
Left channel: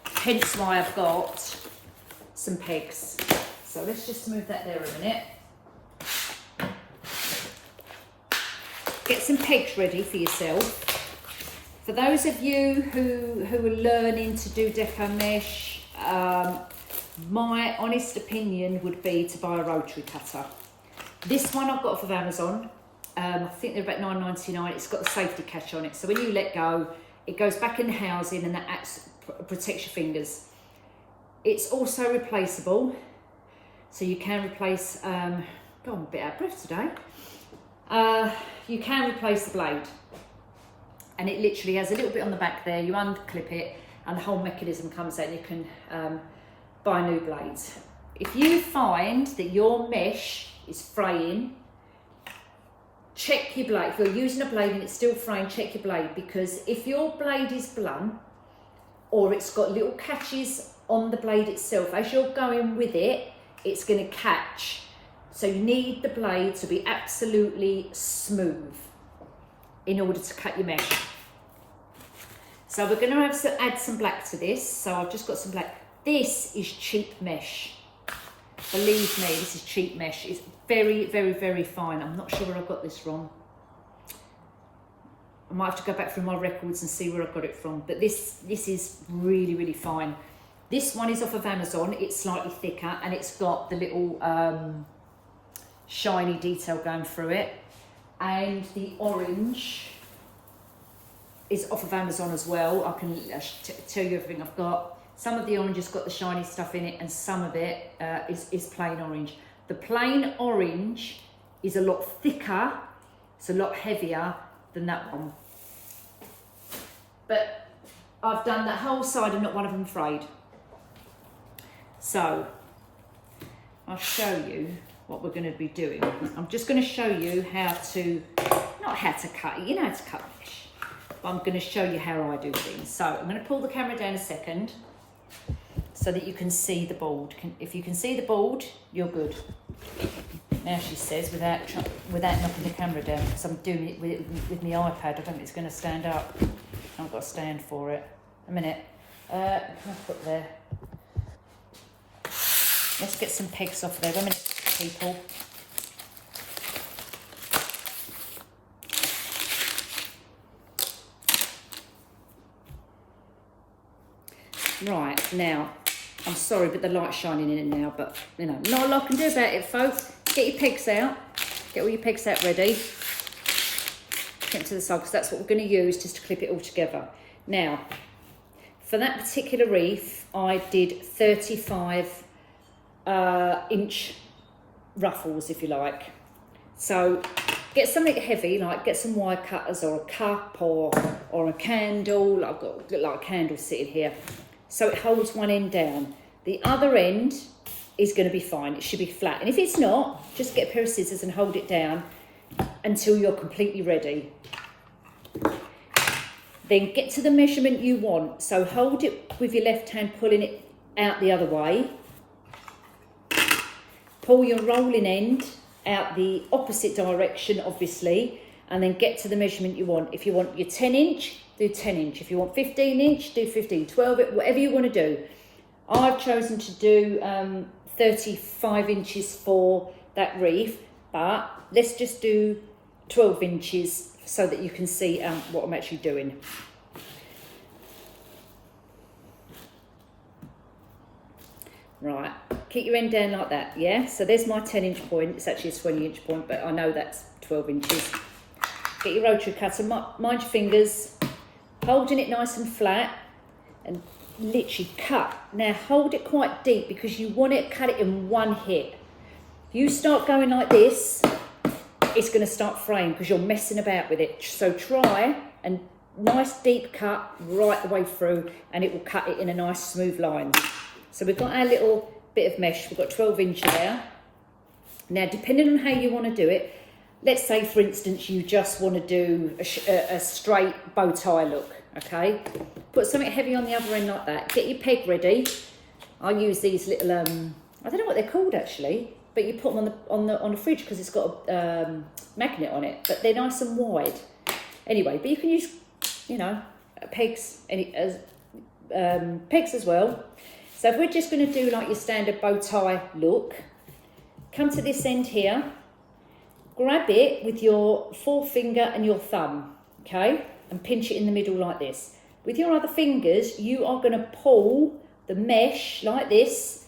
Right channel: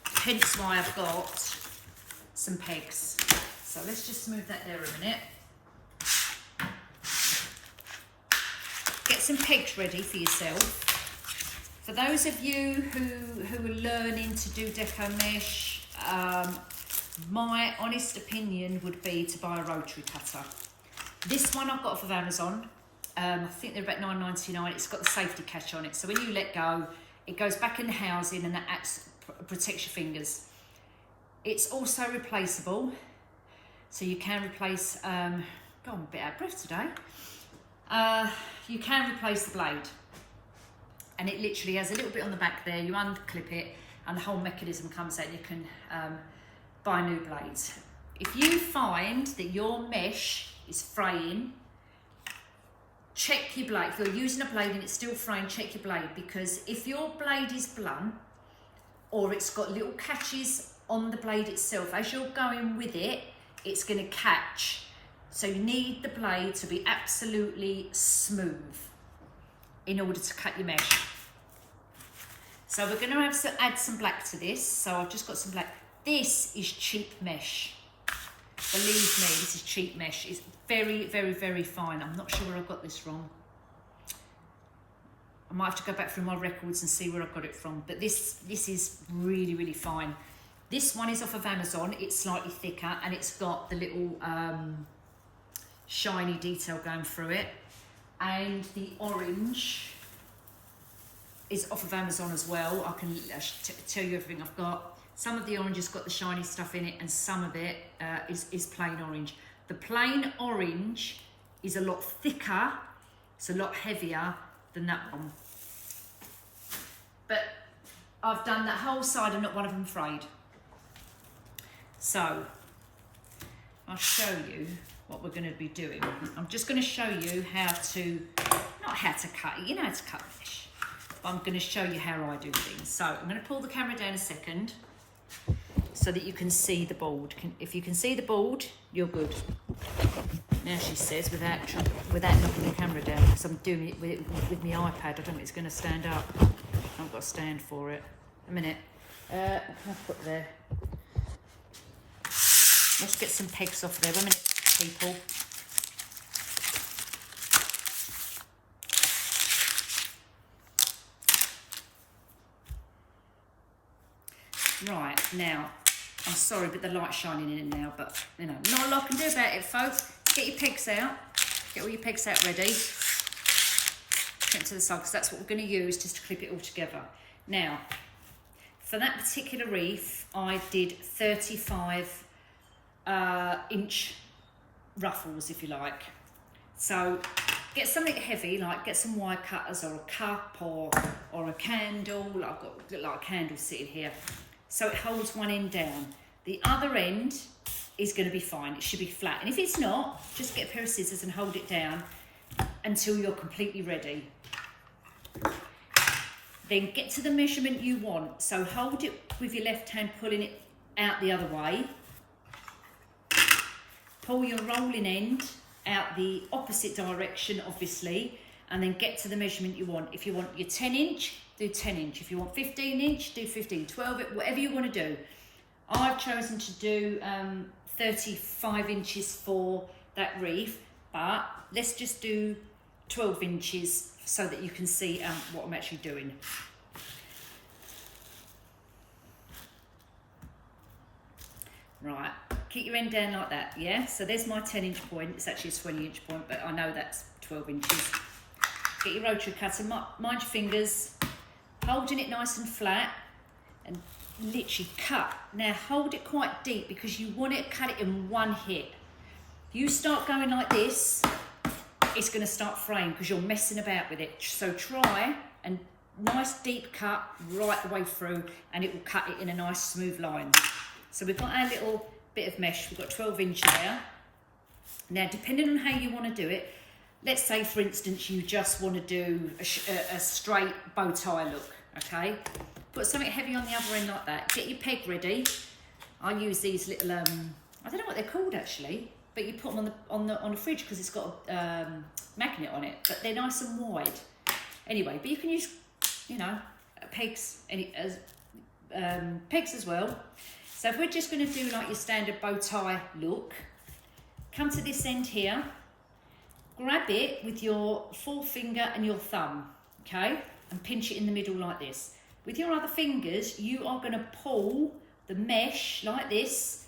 Hence why I've got some pegs. So let's just move that there a minute. Get some pegs ready for yourself. For those of you who are learning to do deco mesh, my honest opinion would be to buy a rotary cutter. This one I've got off of Amazon. I think they're about $9.99. It's got the safety catch on it, so when you let go, it goes back in the housing and that protects your fingers. It's also replaceable, so you can replace, I'm a bit out of breath today. You can replace the blade, and it literally has a little bit on the back there. You unclip it and the whole mechanism comes out and you can buy new blades. If you find that your mesh is fraying, check your blade. If you're using a blade and it's still fraying, check your blade, because if your blade is blunt or it's got little catches on the blade itself, as you're going with it, it's going to catch. So you need the blade to be absolutely smooth in order to cut your mesh. So we're going to have to add some black to this. So I've just got some black. This is cheap mesh. Believe me, this is cheap mesh. It's very, very, very fine. I'm not sure where I got this from. I might have to go back through my records and see where I got it from. But this is really, really fine. This one is off of Amazon. It's slightly thicker and it's got the little shiny detail going through it. And the orange is off of Amazon as well. I can tell you everything I've got. Some of the orange has got the shiny stuff in it and some of it is plain orange. The plain orange is a lot thicker, it's a lot heavier than that one. But I've done that whole side and not one of them frayed. So I'll show you what we're going to be doing. I'm just going to show you how to, not how to cut, you know how to cut mesh, but I'm going to show you how I do things. So I'm going to pull the camera down a second so that you can see the board. If you can see the board, you're good. Now she says, without knocking the camera down, because I'm doing it with my iPad. I don't think it's going to stand up. I've got a stand for it. A minute. I'll put there. Let's get some pegs off there. 1 minute, people. Right, now, I'm sorry, but the light's shining in now, but, you know, not a lot I can do about it, folks. Get your pegs out. Get all your pegs out ready. Put it to the side, because that's what we're going to use just to clip it all together. Now, for that particular wreath, I did 35 inch ruffles, if you like. So, get something heavy, like get some wire cutters or a cup or a candle. I've got like a candle sitting here. So it holds one end down. The other end is going to be fine. It should be flat. And if it's not, just get a pair of scissors and hold it down until you're completely ready. Then get to the measurement you want. So hold it with your left hand, pulling it out the other way. Pull your rolling end out the opposite direction, obviously, and then get to the measurement you want. If you want your 10 inch, do 10 inch. If you want 15 inch, do 15, 12, whatever you want to do. I've chosen to do 35 inches for that wreath, but let's just do 12 inches so that you can see what I'm actually doing. Right, keep your end down like that, yeah? So there's my 10 inch point. It's actually a 20 inch point, but I know that's 12 inches. Get your rotary cutter, mind your fingers, holding it nice and flat, and literally cut. Now hold it quite deep because you want it, cut it in one hit. If you start going like this, it's going to start fraying because you're messing about with it. So try and nice deep cut right the way through, and it will cut it in a nice smooth line. So we've got our little bit of mesh. We've got 12 inch there. Now, depending on how you want to do it, let's say, for instance, you just want to do a straight bow tie look, okay? Put something heavy on the other end like that. Get your peg ready. I use these little, I don't know what they're called actually, but you put them on the fridge because it's got a magnet on it, but they're nice and wide. Anyway, but you can use, you know, pegs as well. So if we're just going to do like your standard bow tie look, come to this end here, grab it with your forefinger and your thumb, okay? And pinch it in the middle like this. With your other fingers, you are going to pull the mesh like this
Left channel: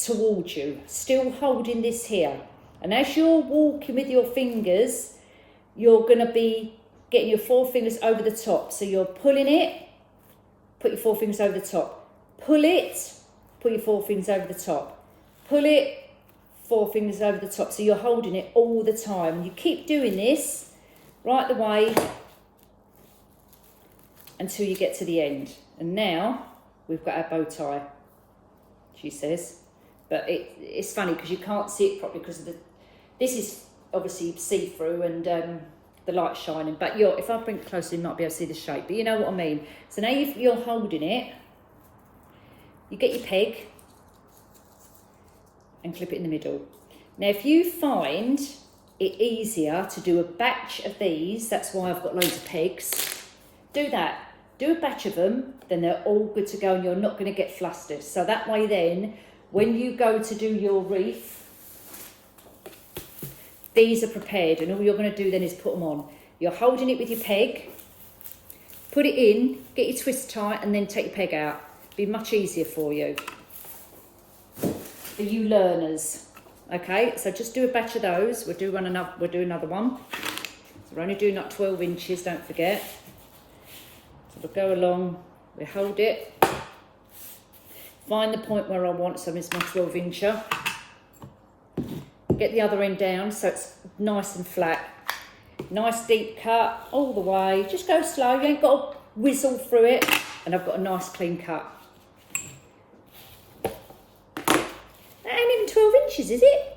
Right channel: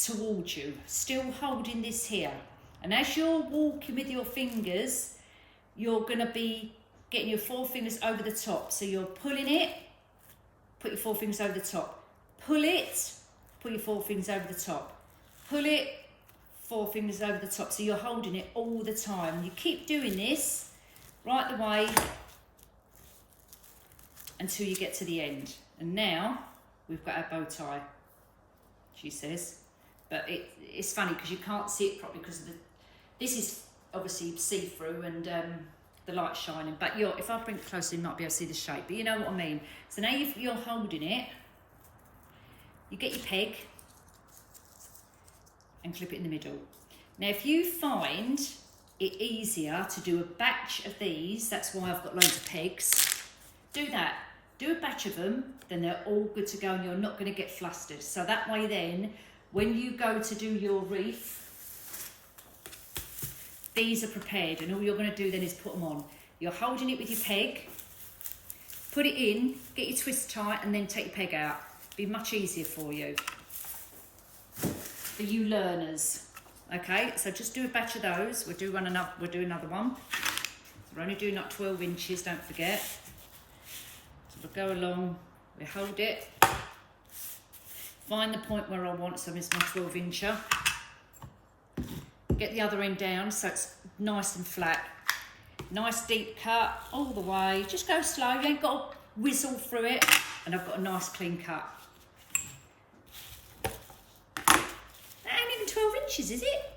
towards you, still holding this here. And as you're walking with your fingers, you're going to be getting your forefingers over the top. So you're pulling it, put your forefingers over the top. Pull it, put your forefingers over the top. Pull it, forefingers over the top. So you're holding it all the time. You keep doing this right the way until you get to the end. And now we've got our bow tie, she says. But it's funny because you can't see it properly because this is obviously see-through and the light's shining. But if I bring it closer, you might be able to see the shape. But you know what I mean. So now you're holding it. You get your peg and clip it in the middle. Now, if you find it easier to do a batch of these, that's why I've got loads of pegs, do that. Do a batch of them, then they're all good to go and you're not going to get flustered. So that way then, when you go to do your wreath, these are prepared and all you're going to do then is put them on. You're holding it with your peg, put it in, get your twist tight and then take your peg out. Be much easier for you. For you learners. Okay, so just do a batch of those. We'll do another one. So we're only doing like 12 inches, don't forget. So we'll go along, we hold it. Find the point where I want, so it's my 12 incher. Get the other end down so it's nice and flat. Nice deep cut all the way. Just go slow, you ain't got to whizzle through it. And I've got a nice clean cut. That ain't even 12 inches, is it?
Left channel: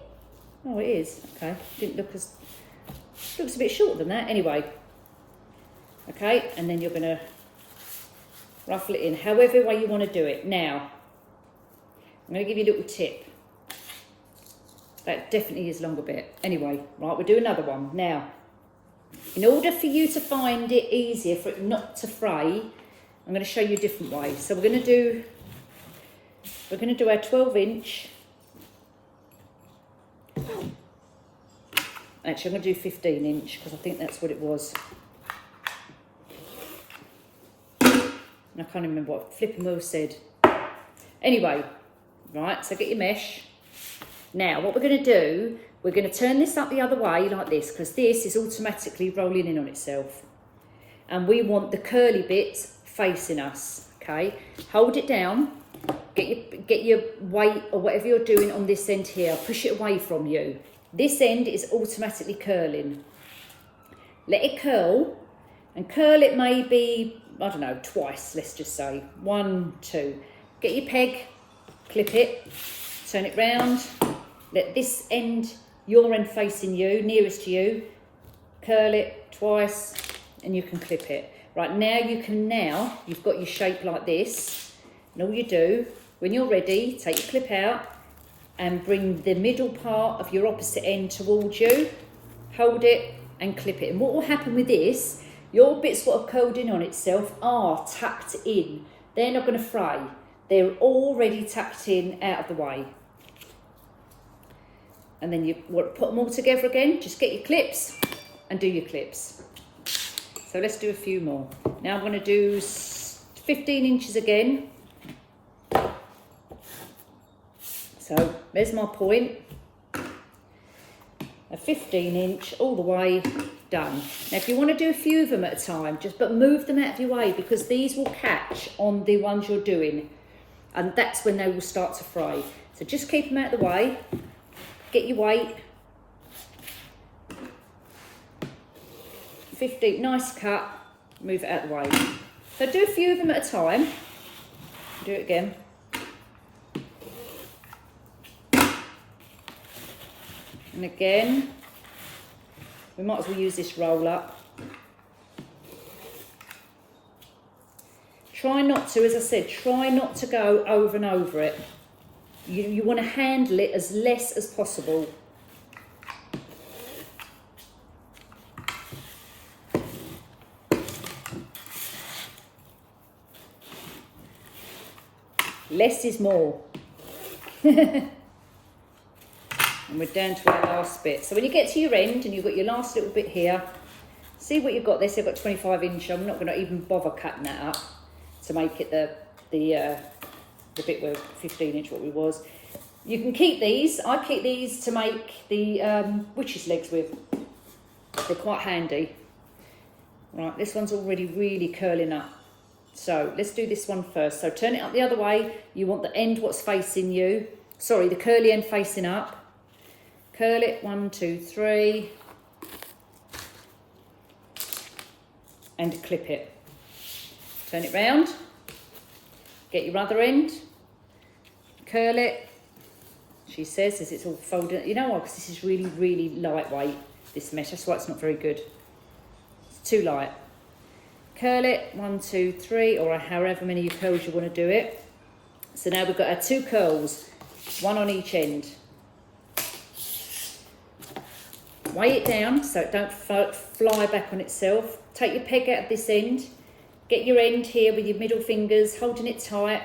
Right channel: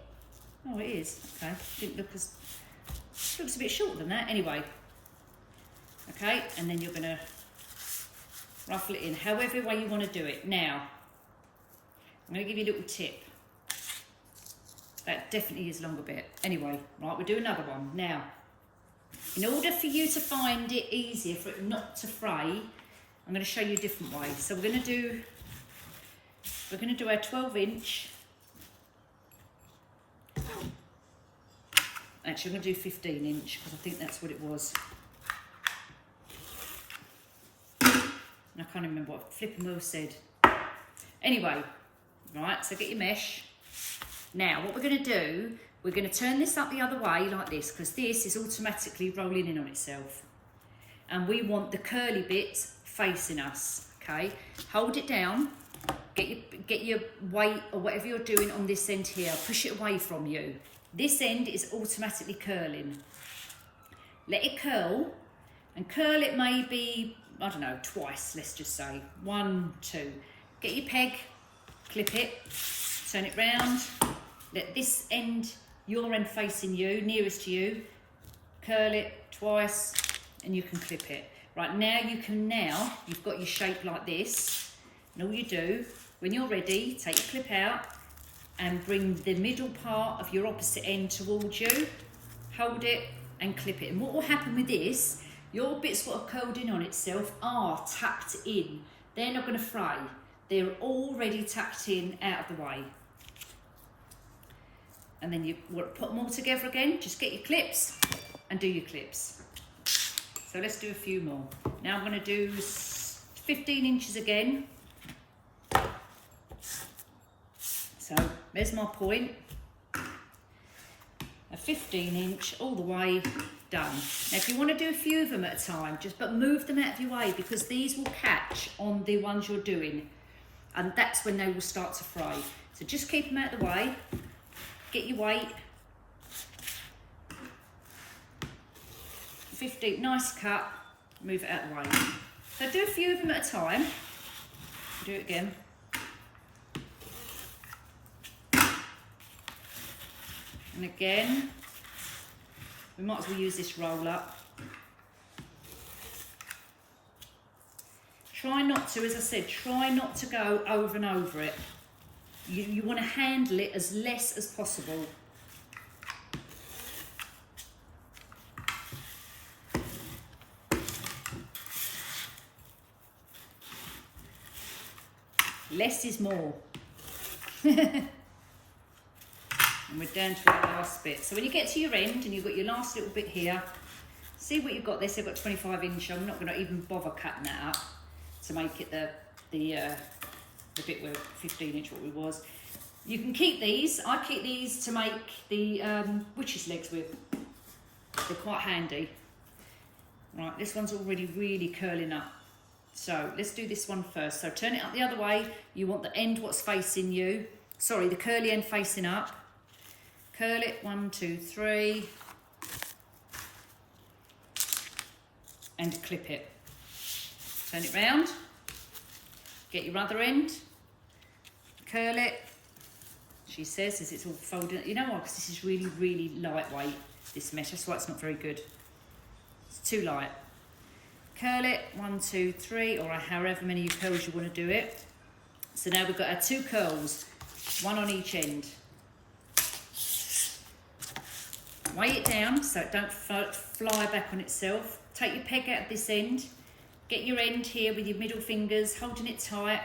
Oh, it is. Okay, didn't look as... Looks a bit shorter than that. Anyway. Okay, and then you're going to ruffle it in however way you want to do it. Now, I'm going to give you a little tip. That definitely is a longer bit. Anyway, right, we'll do another one. Now, in order for you to find it easier, for it not to fray, I'm going to show you a different way. So we're going to do our 12 inch. Actually, I'm going to do 15 inch because I think that's what it was. And I can't even remember what Flipping Will said. Anyway, right, so get your mesh. Now, what we're going to do, we're going to turn this up the other way like this because this is automatically rolling in on itself. And we want the curly bits facing us, okay? Hold it down, get your weight or whatever you're doing on this end here, push it away from you. This end is automatically curling. let it curl, and curl it maybe, I don't know, twice, let's just say. 1, 2. Get your peg, clip it, turn it round, let this end, your end facing you, nearest to you, curl it twice, and you can clip it. Right, now you've got your shape like this, and all you do, when you're ready, take your clip out and bring the middle part of your opposite end towards you, hold it and clip it. And what will happen with this, your bits what are curled in on itself are tucked in. They're not going to fray. They're already tucked in out of the way. And then you want to put them all together again, just get your clips and do your clips. So let's do a few more. Now I'm going to do 15 inches again. So there's my point. A 15-inch all the way done. Now if you want to do a few of them at a time, but move them out of your way, because these will catch on the ones you're doing, and that's when they will start to fray. So just keep them out of the way, get your weight. 15, nice cut, move it out of the way. So do a few of them at a time. Do it again. And again, we might as well use this roll up. Try not to, as I said, try not to go over and over it. You want to handle it as less as possible. Less is more. And we're down to our last bit. So when you get to your end and you've got your last little bit here, see what you've got there. So I've got 25 inch. I'm not going to even bother cutting that up to make it the bit where 15 inch what we was. You can keep these. I keep these to make the witch's legs with. They're quite handy. Right, this one's already really curling up. So let's do this one first. So turn it up the other way. You want the end what's facing you. Sorry, the curly end facing up. Curl it, 1, 2, 3. And clip it. Turn it round. Get your other end. Curl it. She says as it's all folded. You know what, because this is really, really lightweight, this mesh. That's why it's not very good. It's too light. Curl it, 1, 2, 3, or however many curls you want to do it. So now we've got our 2 curls, 1 on each end. Weigh it down so it don't fly back on itself. Take your peg out of this end. Get your end here with your middle fingers, holding it tight,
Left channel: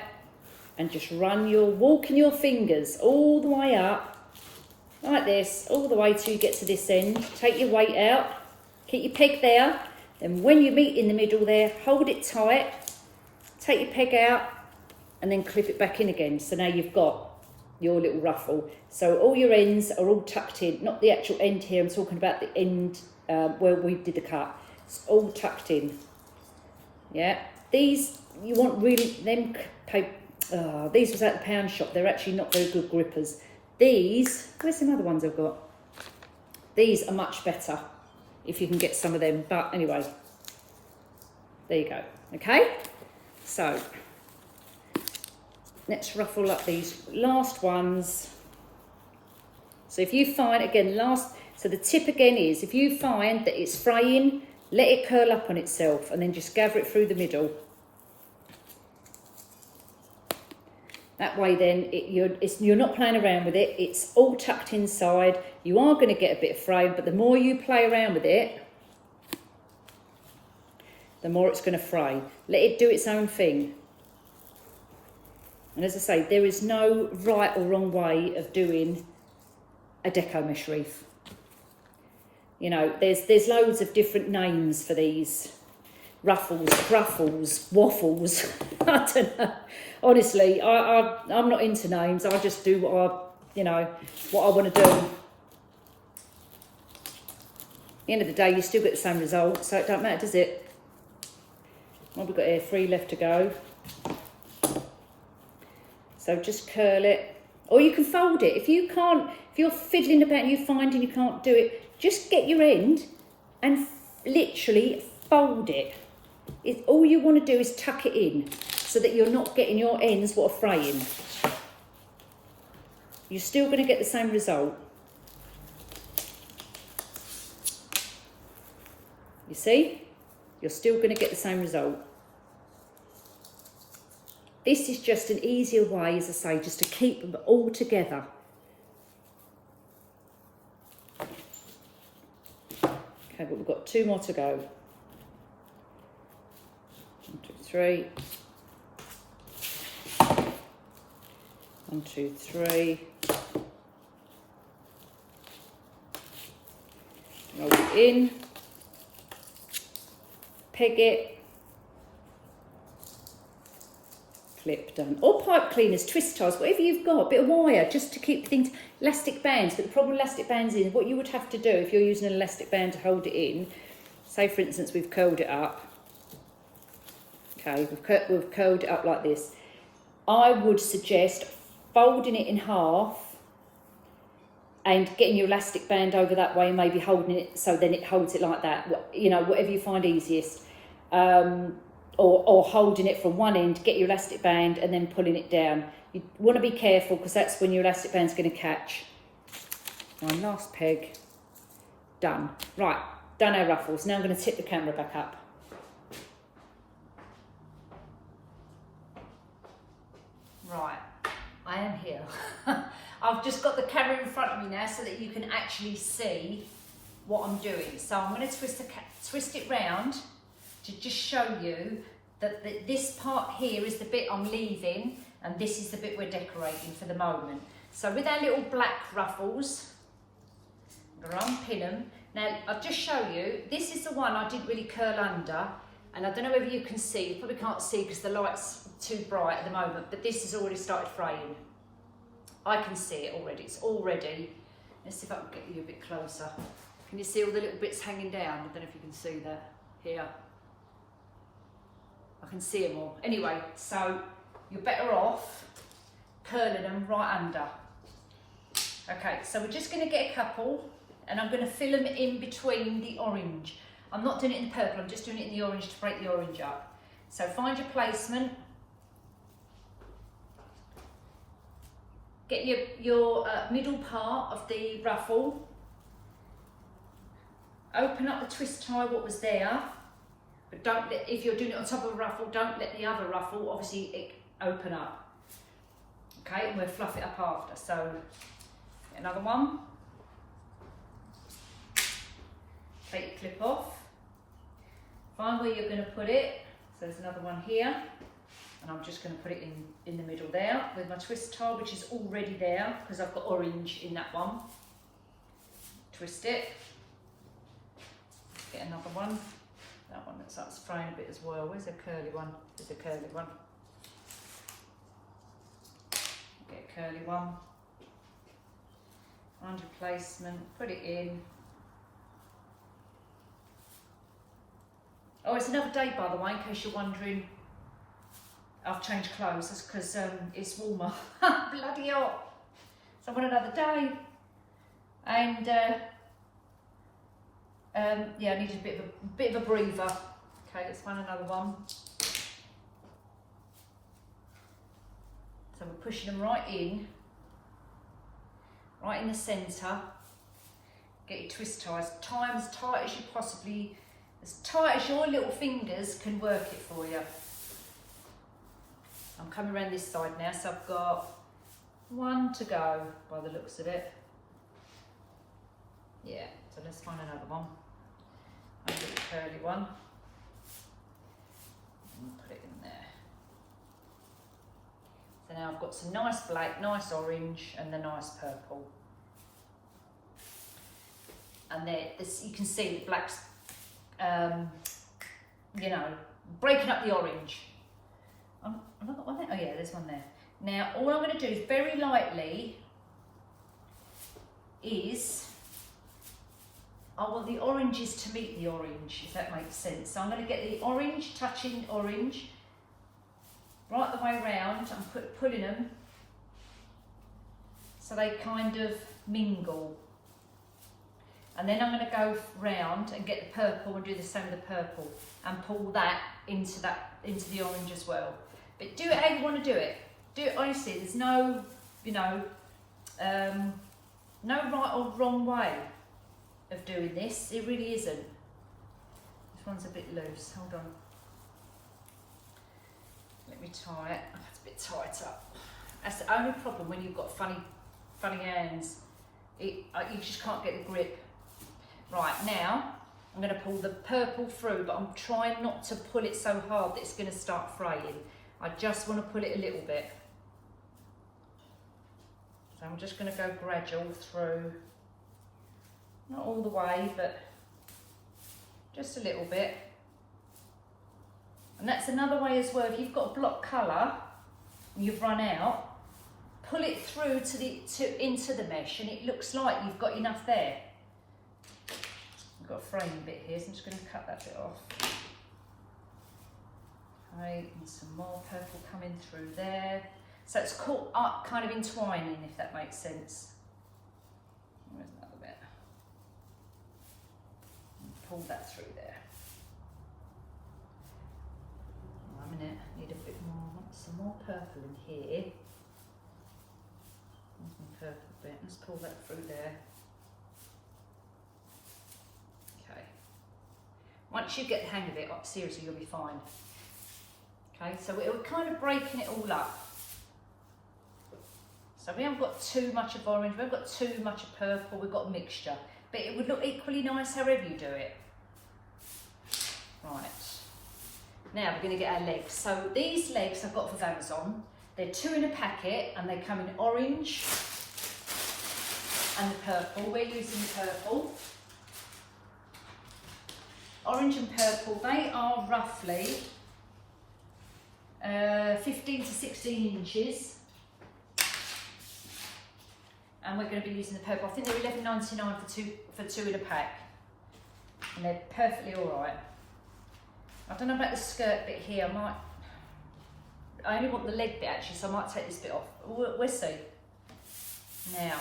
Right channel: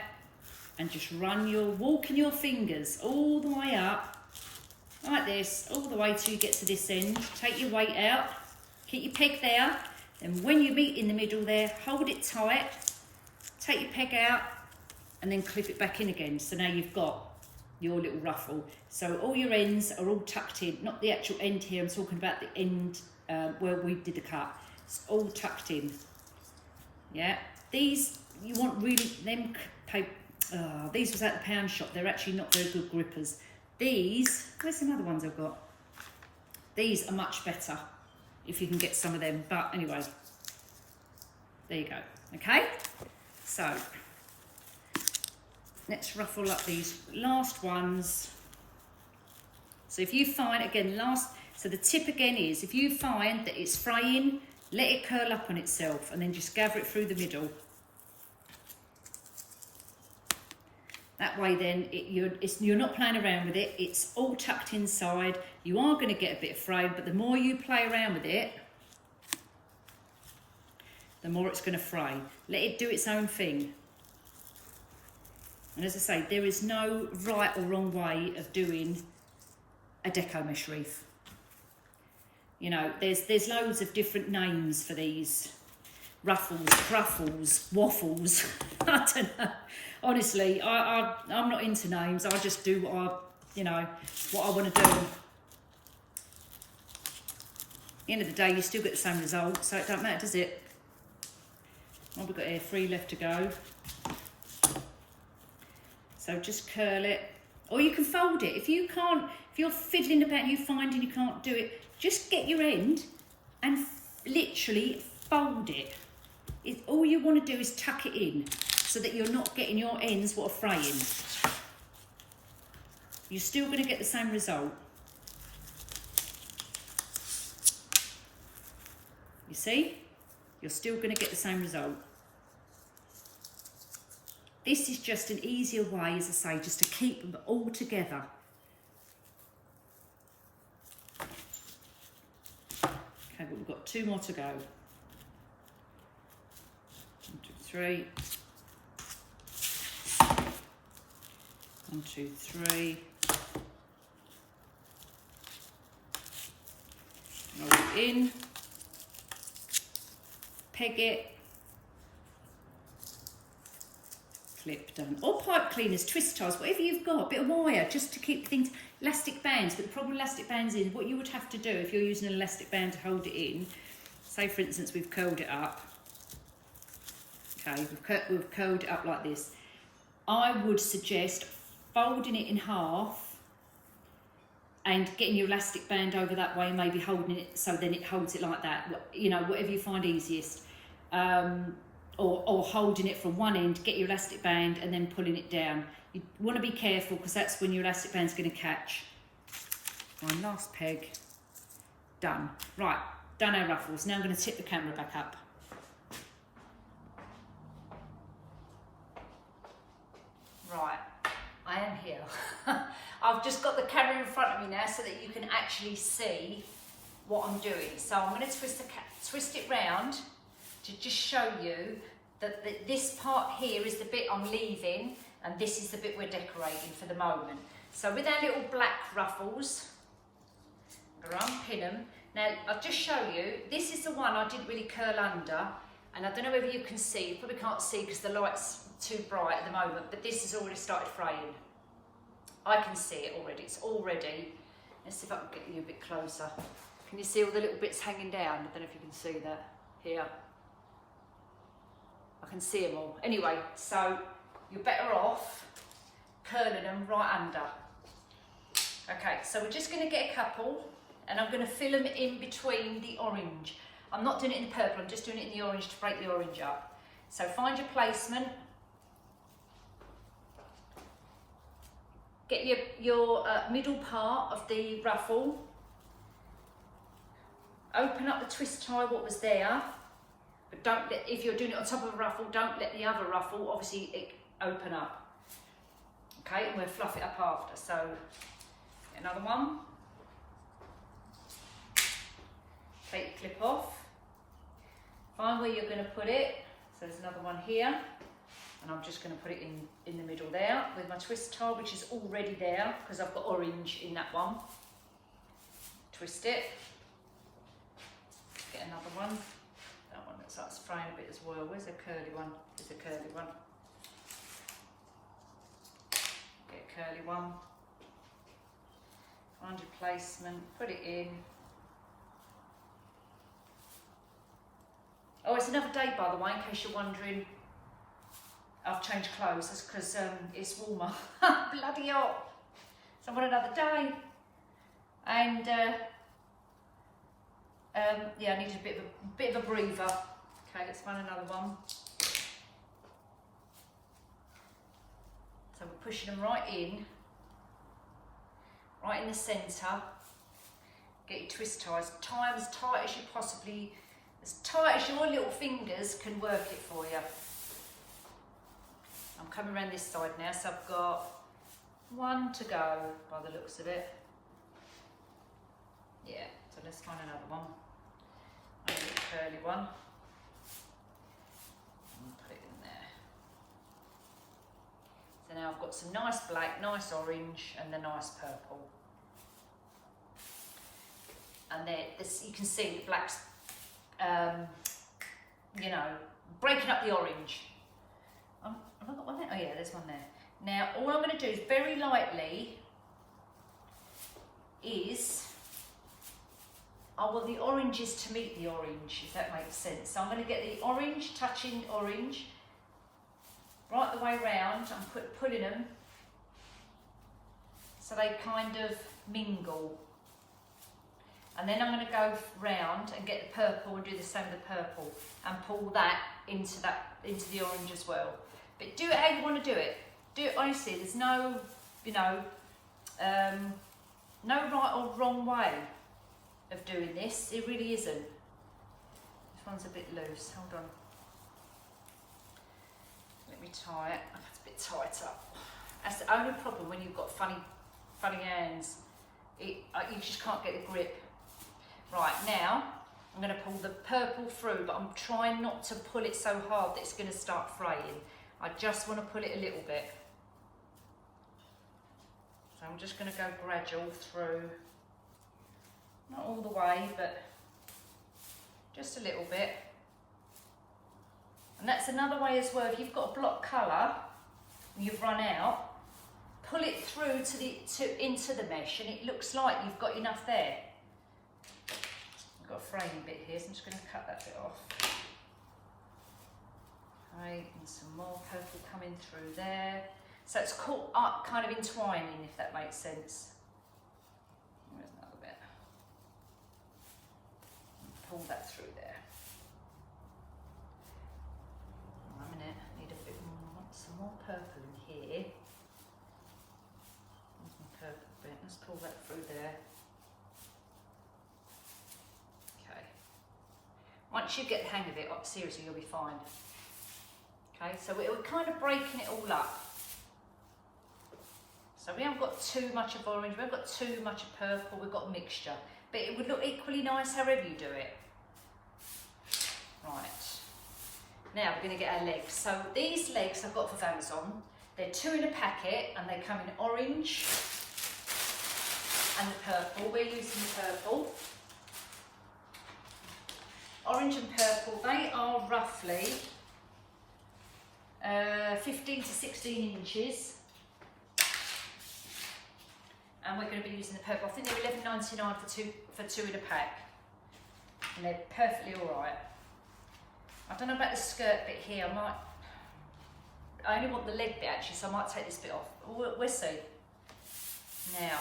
and just walking your fingers all the way up, like this, all the way till you get to this end. Take your weight out, keep your peg there, and when you meet in the middle there, hold it tight, take your peg out, and then clip it back in again. So now you've got your little ruffle. So all your ends are all tucked in, not the actual end here, I'm talking about the end where we did the cut. It's all tucked in. Yeah, these, you want really, these was at the pound shop, they're actually not very good grippers. These, where's some other ones I've got? These are much better, if you can get some of them, but anyway, there you go, okay? So, let's ruffle up these last ones. So if you find, again, so the tip again is, if you find that it's fraying, let it curl up on itself and then just gather it through the middle. That way then, you're not playing around with it, it's all tucked inside. You are going to get a bit of fray, but the more you play around with it, the more it's going to fray. Let it do its own thing. And as I say, there is no right or wrong way of doing a deco mesh wreath. You know, there's loads of different names for these. Ruffles, cruffles, waffles. I don't know. Honestly, I'm not into names. I just do what I want to do. At the end of the day, you still get the same result, so it don't matter, does it? What have we got here? 3 left to go. So just curl it, or you can fold it. If you can't, if you're fiddling about and you find and you can't do it, just get your end and literally fold it. All you want to do is tuck it in so that you're not getting your ends what are fraying. You're still going to get the same result. You see? You're still going to get the same result. This is just an easier way, as I say, just to keep them all together. Okay, but we've got 2 more to go. 1, 2, 3. 1, 2, 3. Roll it in. Peg it. Clip done. Or pipe cleaners, twist ties, whatever you've got, a bit of wire just to keep things, elastic bands. But the problem with elastic bands is what you would have to do if you're using an elastic band to hold it in. Say for instance we've curled it up. Okay, we've curled it up like this. I would suggest folding it in half and getting your elastic band over that way and maybe holding it so then it holds it like that. You know, whatever you find easiest. Or holding it from one end, get your elastic band and then pulling it down. You want to be careful because that's when your elastic band's going to catch. One last peg. Done. Right, done our ruffles. Now I'm going to tip the camera back up. Right, I am here. I've just got the camera in front of me now so that you can actually see what I'm doing. So I'm going to twist it round to just show you that this part here is the bit I'm leaving and this is the bit we're decorating for the moment. So with our little black ruffles, I'm going to unpin them. Now I'll just show you, this is the one I didn't really curl under, and I don't know whether you can see, you probably can't see because the light's too bright at the moment, but this has already started fraying. I can see it already, it's already, let's see if I can get you a bit closer. Can you see all the little bits hanging down? I don't know if you can see that here. I can see them all. Anyway, so you're better off curling them right under. Okay, so we're just going to get a couple and I'm going to fill them in between the orange. I'm not doing it in the purple, I'm just doing it in the orange to break the orange up. So find your placement. Get your middle part of the ruffle. Open up the twist tie what was there. But don't let, if you're doing it on top of a ruffle, don't let the other ruffle, obviously, open up. Okay, and we'll fluff it up after. So, get another one. Take your clip off. Find where you're going to put it. So there's another one here. And I'm just going to put it in the middle there with my twist tie, which is already there because I've got orange in that one. Twist it. Get another one. That one looks like it's fraying a bit as well. Where's the curly one? There's a curly one. Get a curly one. Find your placement, put it in. Oh, it's another day, by the way, in case you're wondering. I've changed clothes, that's because it's warmer. Bloody hot. So I want another day. And yeah, I needed a bit of a breather. Okay, let's find another one. So we're pushing them right in the centre. Get your twist ties. Tie them as tight as you possibly, as tight as your little fingers can work it for you. I'm coming around this side now, so I've got one to go by the looks of it. Yeah, so let's find another one. I'll get the curly one. And put it in there. So now I've got some nice black, nice orange, and the nice purple. And there, you can see the black's, you know, breaking up the orange. Have I got one there? Oh yeah, there's one there. Now, all I'm going to do is very lightly I want the oranges to meet the orange, if that makes sense. So I'm going to get the orange touching orange right the way round. I'm pulling them so they kind of mingle. And then I'm going to go round and get the purple and do the same with the purple and pull that into the orange as well. But do it how you want to do it. Do it honestly. There's no, you know, no right or wrong way of doing this. It really isn't. This one's a bit loose. Hold on. Let me tie it. It's a bit tight up. That's the only problem when you've got funny hands. You just can't get the grip. Right, now I'm going to pull the purple through, but I'm trying not to pull it so hard that it's going to start fraying. I just want to pull it a little bit. So I'm just going to go gradual through. Not all the way, but just a little bit. And that's another way as well. If you've got a block colour and you've run out, pull it through into the mesh, and it looks like you've got enough there. I've got a fraying bit here, so I'm just going to cut that bit off. Okay, and some more purple coming through there. So it's caught up, kind of entwining, if that makes sense. Where's another bit? And pull that through there. Oh, a minute, I need a bit more. I want some more purple in here. There's my purple bit. Let's pull that through there. Okay. Once you get the hang of it, seriously, you'll be fine. Okay, so we're kind of breaking it all up. So we haven't got too much of orange, we haven't got too much of purple, we've got a mixture. But it would look equally nice however you do it. Right. Now we're going to get our legs. So these legs I've got from Amazon. They're 2 in a packet and they come in orange and the purple. We're using the purple. Orange and purple, they are roughly 15 to 16 inches. And we're going to be using the purple. I think they're $11.99 for two in a pack. And they're perfectly all right. I don't know about the skirt bit here. I only want the leg bit actually, so I might take this bit off. We'll see. Now,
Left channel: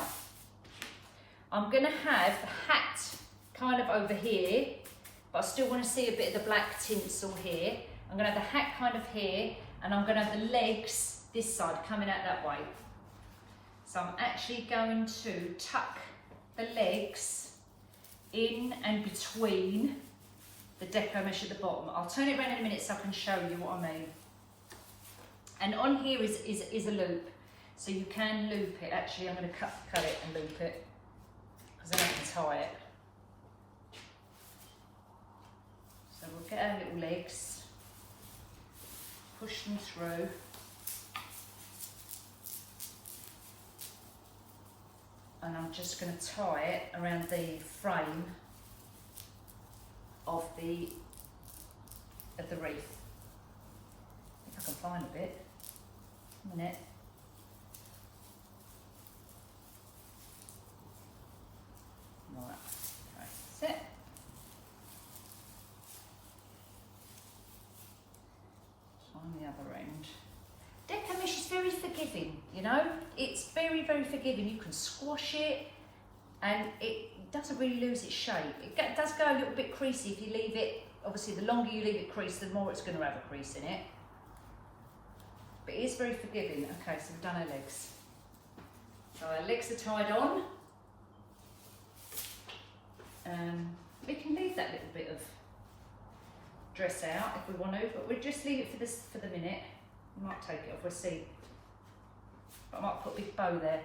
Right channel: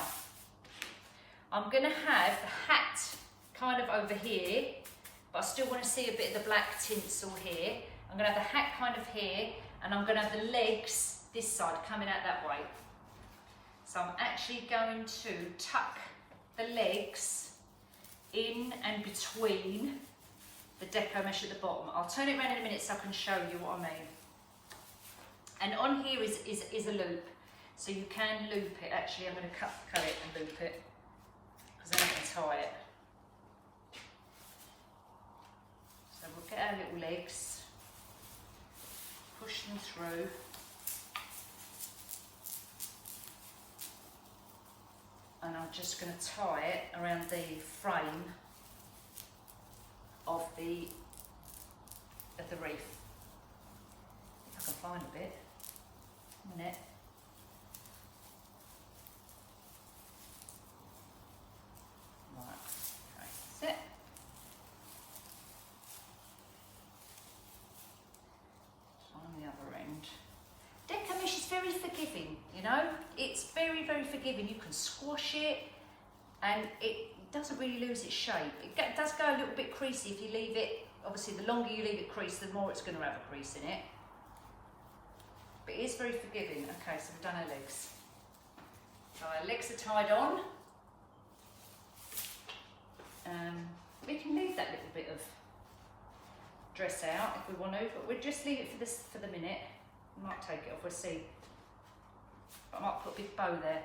I'm going to have the hat kind of over here, but I still want to see a bit of the black tinsel here. I'm going to have the hat kind of here, and I'm going to have the legs this side coming out that way. So I'm actually going to tuck the legs in and between the deco mesh at the bottom. I'll turn it around in a minute so I can show you what I mean. And on here is a loop, so you can loop it. Actually, I'm going to cut it and loop it, because then I can tie it. So we'll get our little legs, push them through. And I'm just going to tie it around the frame of the wreath. If I can find a bit. A minute. Right, okay, that's it. Find the other end. Deco mesh is very forgiving, you know. It's very, very forgiving. You can squash it and it doesn't really lose its shape. It does go a little bit creasy if you leave it. Obviously, the longer you leave it creased, the more it's going to have a crease in it. But it is very forgiving. Okay, so we've done our legs. So our legs are tied on. We can leave that little bit of dress out if we want to, but we'll just leave it for the minute. I might take it off, we'll see. But I might put a big bow there.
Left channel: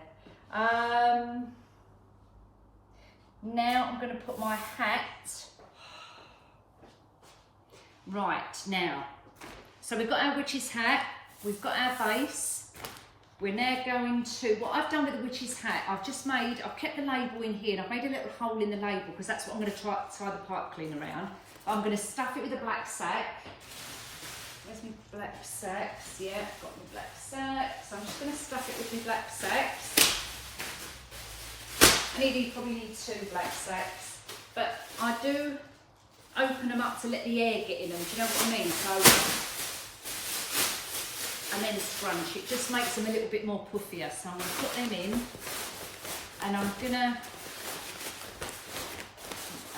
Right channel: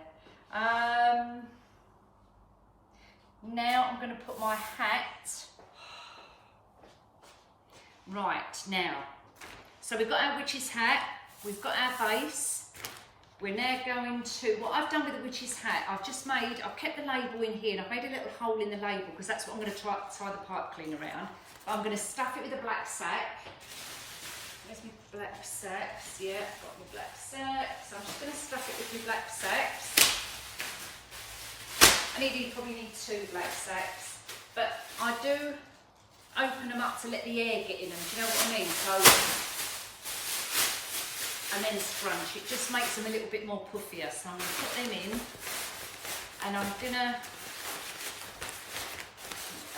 Now I'm going to put my hat. Right, now. So we've got our witch's hat, we've got our base. We're now going to, what I've done with the witch's hat, I've kept the label in here and I've made a little hole in the label because that's what I'm going to tie the pipe clean around. I'm going to stuff it with a black sack. Where's my black sacks? Yeah, I've got my black sacks. So I'm just going to stuff it with my black sacks. You probably need 2 black sacks, but I do open them up to let the air get in them. Do you know what I mean? So, and then scrunch. It just makes them a little bit more puffier. So I'm going to put them in, and I'm going to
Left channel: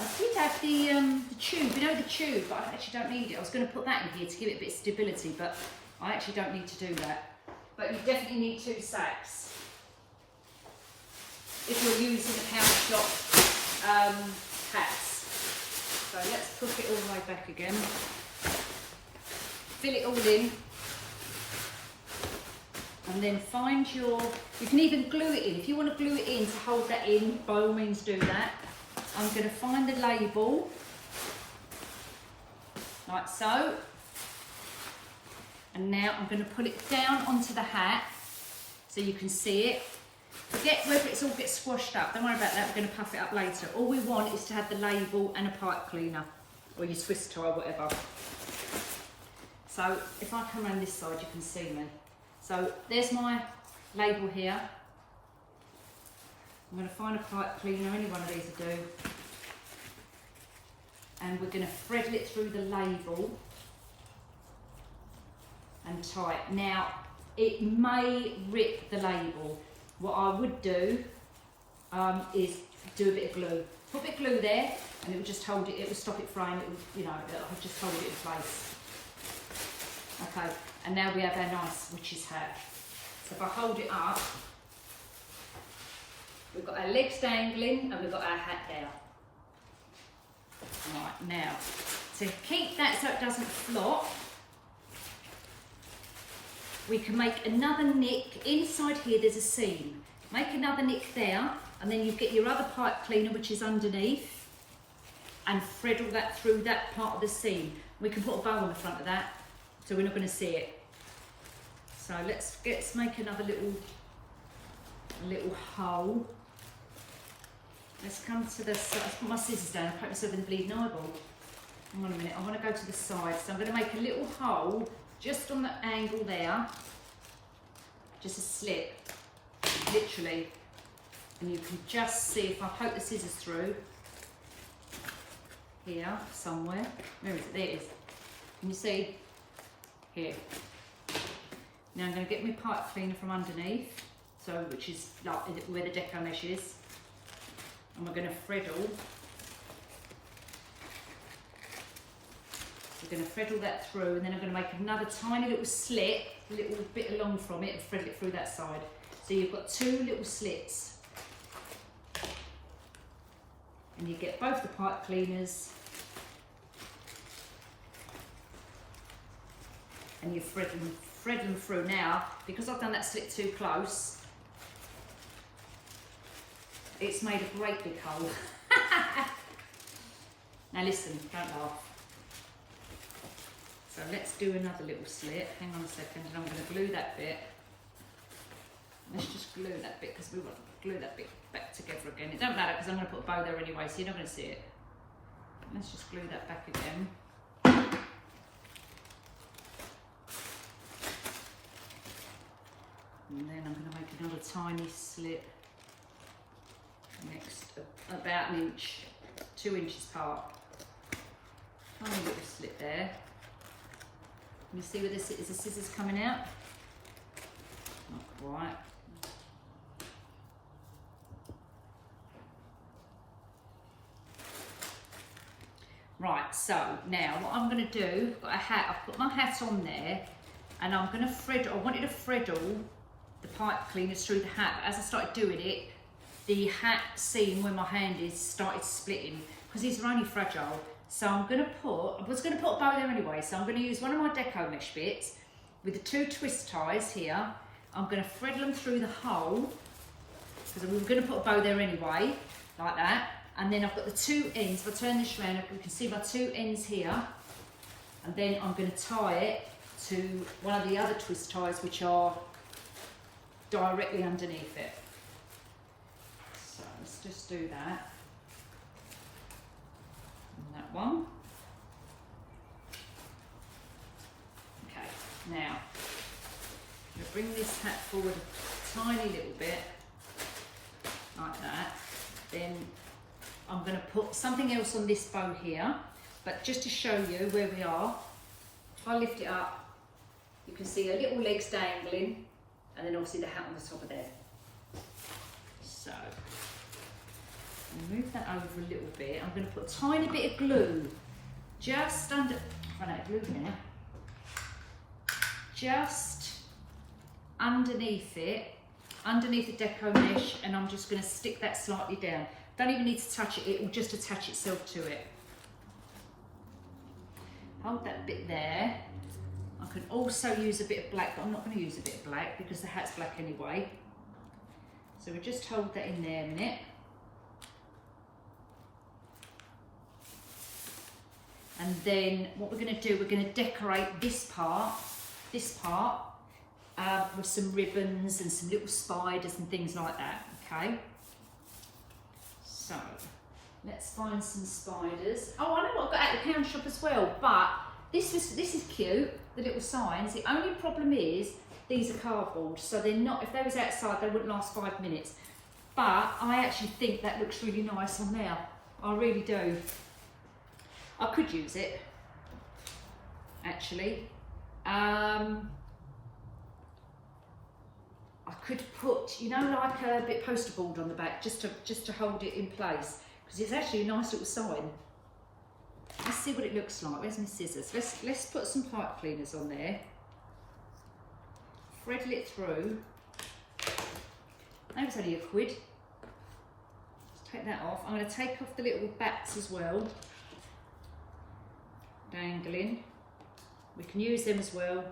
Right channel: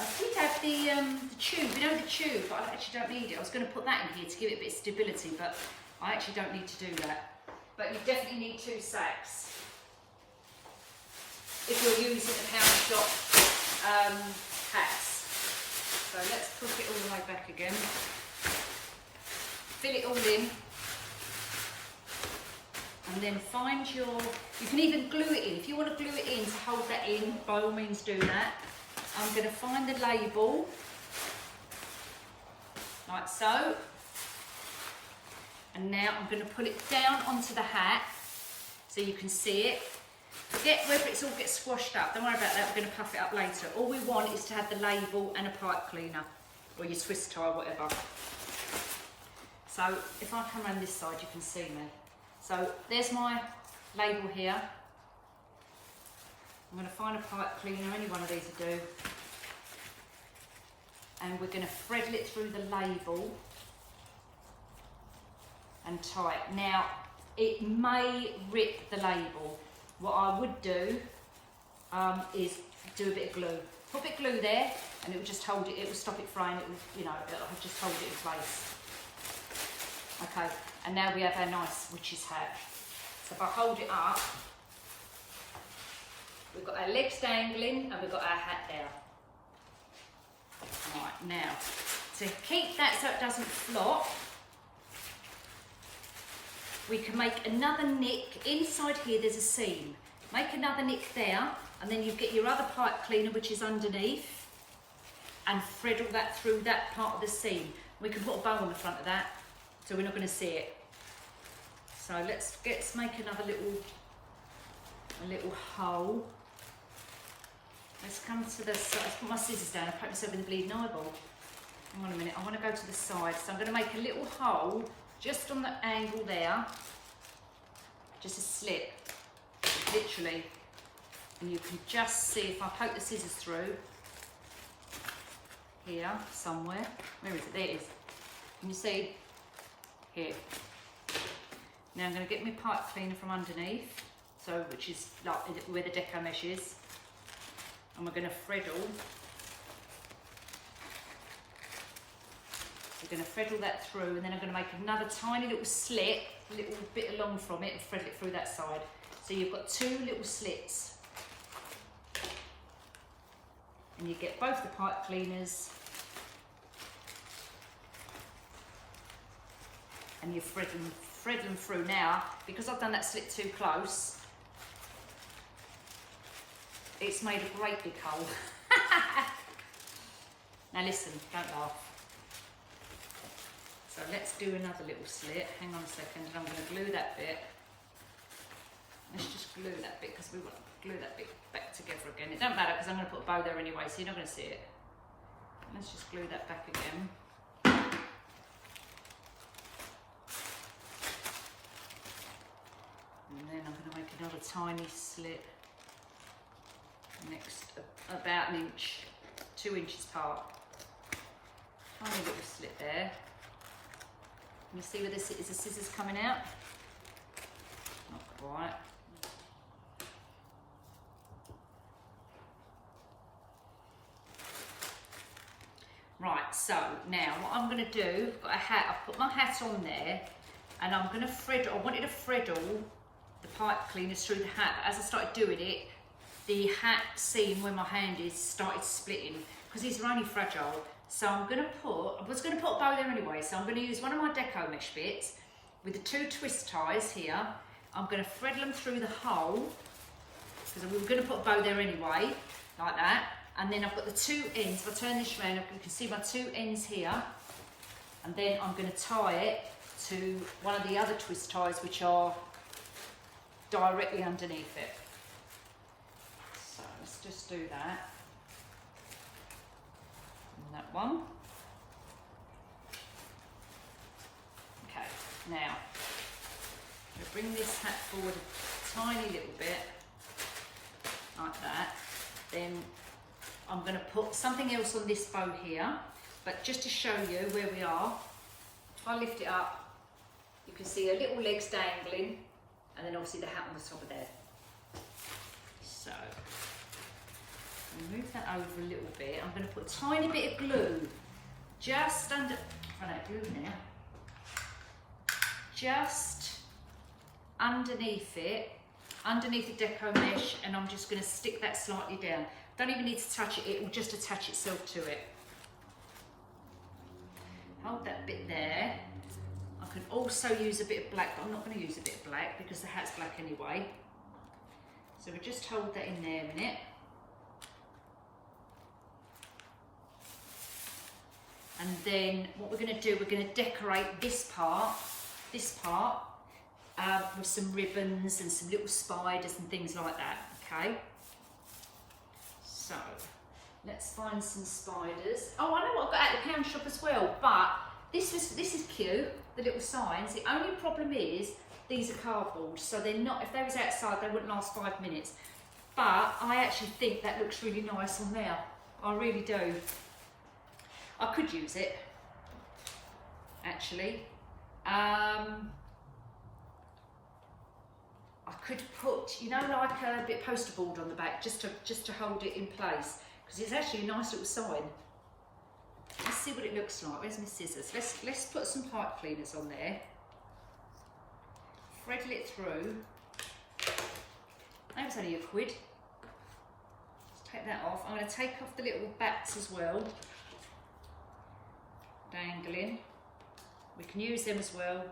I did have the tube, you know the tube, but I actually don't need it. I was going to put that in here to give it a bit of stability, but I actually don't need to do that. But you definitely need 2 sacks if you're using the pound shop hats. So let's put it all the way back again. Fill it all in. And then find your, you can even glue it in. If you want to glue it in to hold that in, by all means do that. I'm going to find the label, like so. And now I'm going to put it down onto the hat so you can see it. Forget whether it's all gets squashed up, don't worry about that, we're going to puff it up later. All we want is to have the label and a pipe cleaner, or your Swiss tie, whatever. So if I come around this side you can see me. So there's my label here. I'm going to find a pipe cleaner, any one of these will do. And we're going to thread it through the label and tie it. Now, it may rip the label. What I would do is do a bit of glue. Put a bit of glue there and it will just hold it, it will stop it fraying, it will, you know, it'll just hold it in place. Okay, and now we have our nice witch's hat. So if I hold it up, we've got our legs dangling and we've got our hat there. Right, now, to keep that so it doesn't flop, we can make another nick. Inside here there's a seam. Make another nick there, and then you get your other pipe cleaner, which is underneath, and thread all that through that part of the seam. We can put a bow on the front of that, so we're not going to see it. So let's make another little hole. Let's come to the side. Let's put my scissors down. I put myself in the bleeding eyeball. Hang on a minute. I want to go to the side. So I'm going to make a little hole just on the angle there. Just a slit, literally. And you can just see if I poke the scissors through here somewhere. Where is it? There it is. Can you see? Here. Now I'm going to get my pipe cleaner from underneath, so which is like where the deco mesh is. And we're going to threadle. We're going to threadle that through, and then I'm going to make another tiny little slit, a little bit along from it, and thread it through that side. So you've got 2 little slits, and you get both the pipe cleaners, and you're threading through. Now, because I've done that slit too close, it's made a great big hole. Now listen, don't laugh. So let's do another little slit. Hang on a second, and I'm going to glue that bit. Let's just glue that bit because we want to glue that bit back together again. It don't matter because I'm going to put a bow there anyway, so you're not going to see it. Let's just glue that back again. And then I'm going to make another tiny slit. Next, about an inch, 2 inches apart. Tiny little slit there. Can you see where this is the scissors coming out? Not quite. Right, so now what I'm going to do, I've got a hat, I've put my hat on there, and I'm going to thread, I wanted to threadle the pipe cleaners through the hat, but as I started doing it, the hat seam where my hand is started splitting because these are only fragile. So I was going to put a bow there anyway, so I'm going to use one of my deco mesh bits with the 2 twist ties here. I'm going to thread them through the hole because we were going to put a bow there anyway, like that. And then I've got the 2 ends. If I turn this around, you can see my 2 ends here. And then I'm going to tie it to one of the other twist ties, which are directly underneath it. So let's just do that. And that one. Okay, now I'm going to bring this hat forward a tiny little bit, like that. Then I'm going to put something else on this bow here, but just to show you where we are, if I lift it up, you can see a little legs dangling, and then obviously the hat on the top of there. So Move that over a little bit. I'm going to put a tiny bit of glue just under. Run out of glue now. Just underneath it, underneath the deco mesh, and I'm just going to stick that slightly down. Don't even need to touch it, it will just attach itself to it. Hold that bit there. I can also use a bit of black, but I'm not going to use a bit of black because the hat's black anyway. So we'll just hold that in there a minute. And then what we're going to do, we're going to decorate this part with some ribbons and some little spiders and things like that, okay? So, let's find some spiders. Oh, I know what I got at the pound shop as well, but this is cute, the little signs. The only problem is these are cardboard, so they're not, if they was outside, they wouldn't last 5 minutes. But I actually think that looks really nice on there. I really do. I could use it, actually. I could put, you know, like a bit poster board on the back just to hold it in place, because it's actually a nice little sign. Let's see what it looks like. Where's my scissors? Let's put some pipe cleaners on there. Thread it through. That was only £1. Let's take that off. I'm going to take off the little bats as well. Dangling. We can use them as well.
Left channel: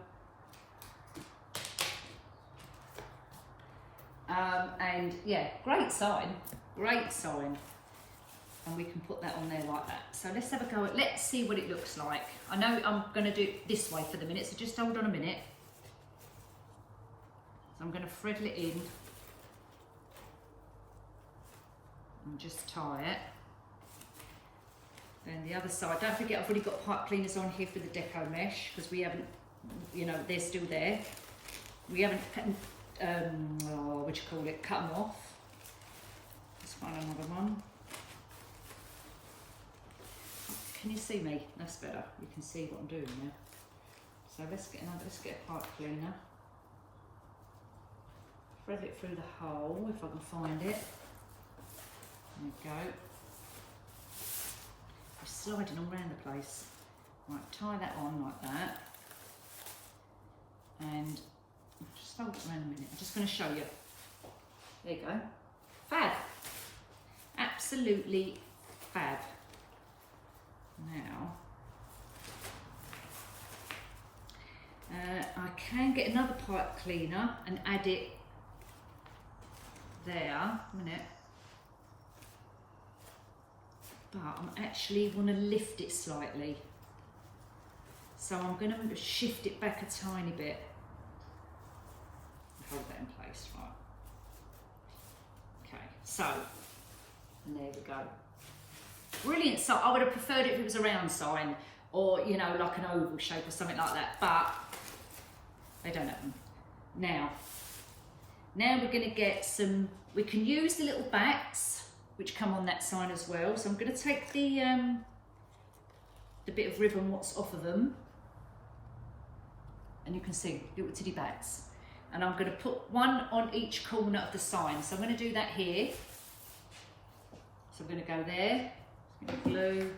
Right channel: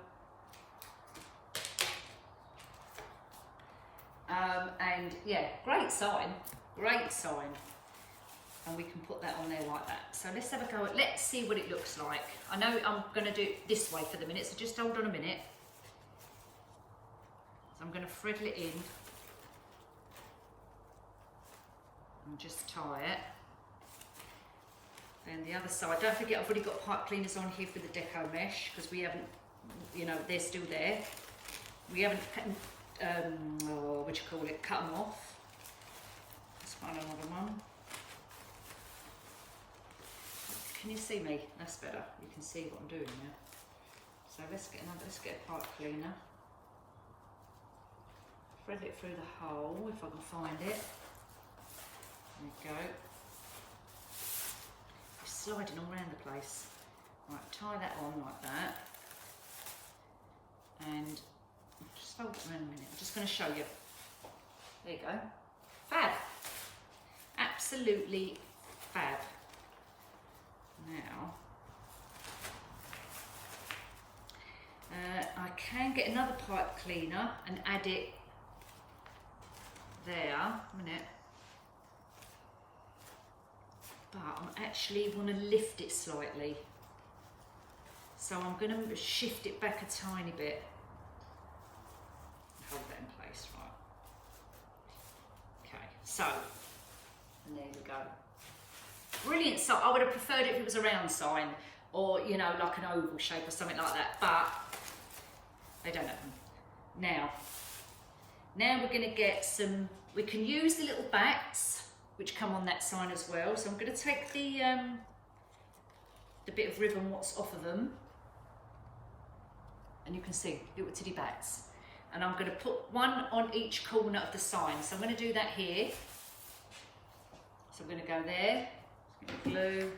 And yeah, great sign, great sign. And we can put that on there like that. So let's have a go at, let's see what it looks like. I know I'm going to do it this way for the minute, so just hold on a minute. So I'm going to thread it in and just tie it. Then the other side, don't forget I've already got pipe cleaners on here for the deco mesh, because we haven't, you know, they're still there. We haven't, what do you call it, cut them off. Let's find another one. Can you see me? That's better. You can see what I'm doing now. So let's get a pipe cleaner. Thread it through the hole if I can find it. There you go. It's sliding all around the place. Right, tie that on like that. And just hold it around a minute. I'm just going to show you. There you go. Fab. Absolutely fab. Now, I can get another pipe cleaner and add it there. A minute. But I actually want to lift it slightly. So I'm going to shift it back a tiny bit. Hold that in place, right. Okay, so, and there we go. Brilliant. So I would have preferred it if it was a round sign, or, you know, like an oval shape or something like that, but they don't have them. Now we're going to get some, we can use the little bats, which come on that sign as well. So I'm going to take the bit of ribbon what's off of them, and you can see little titty bats. And I'm going to put one on each corner of the sign. So I'm going to do that here. So I'm going to go there. Glue.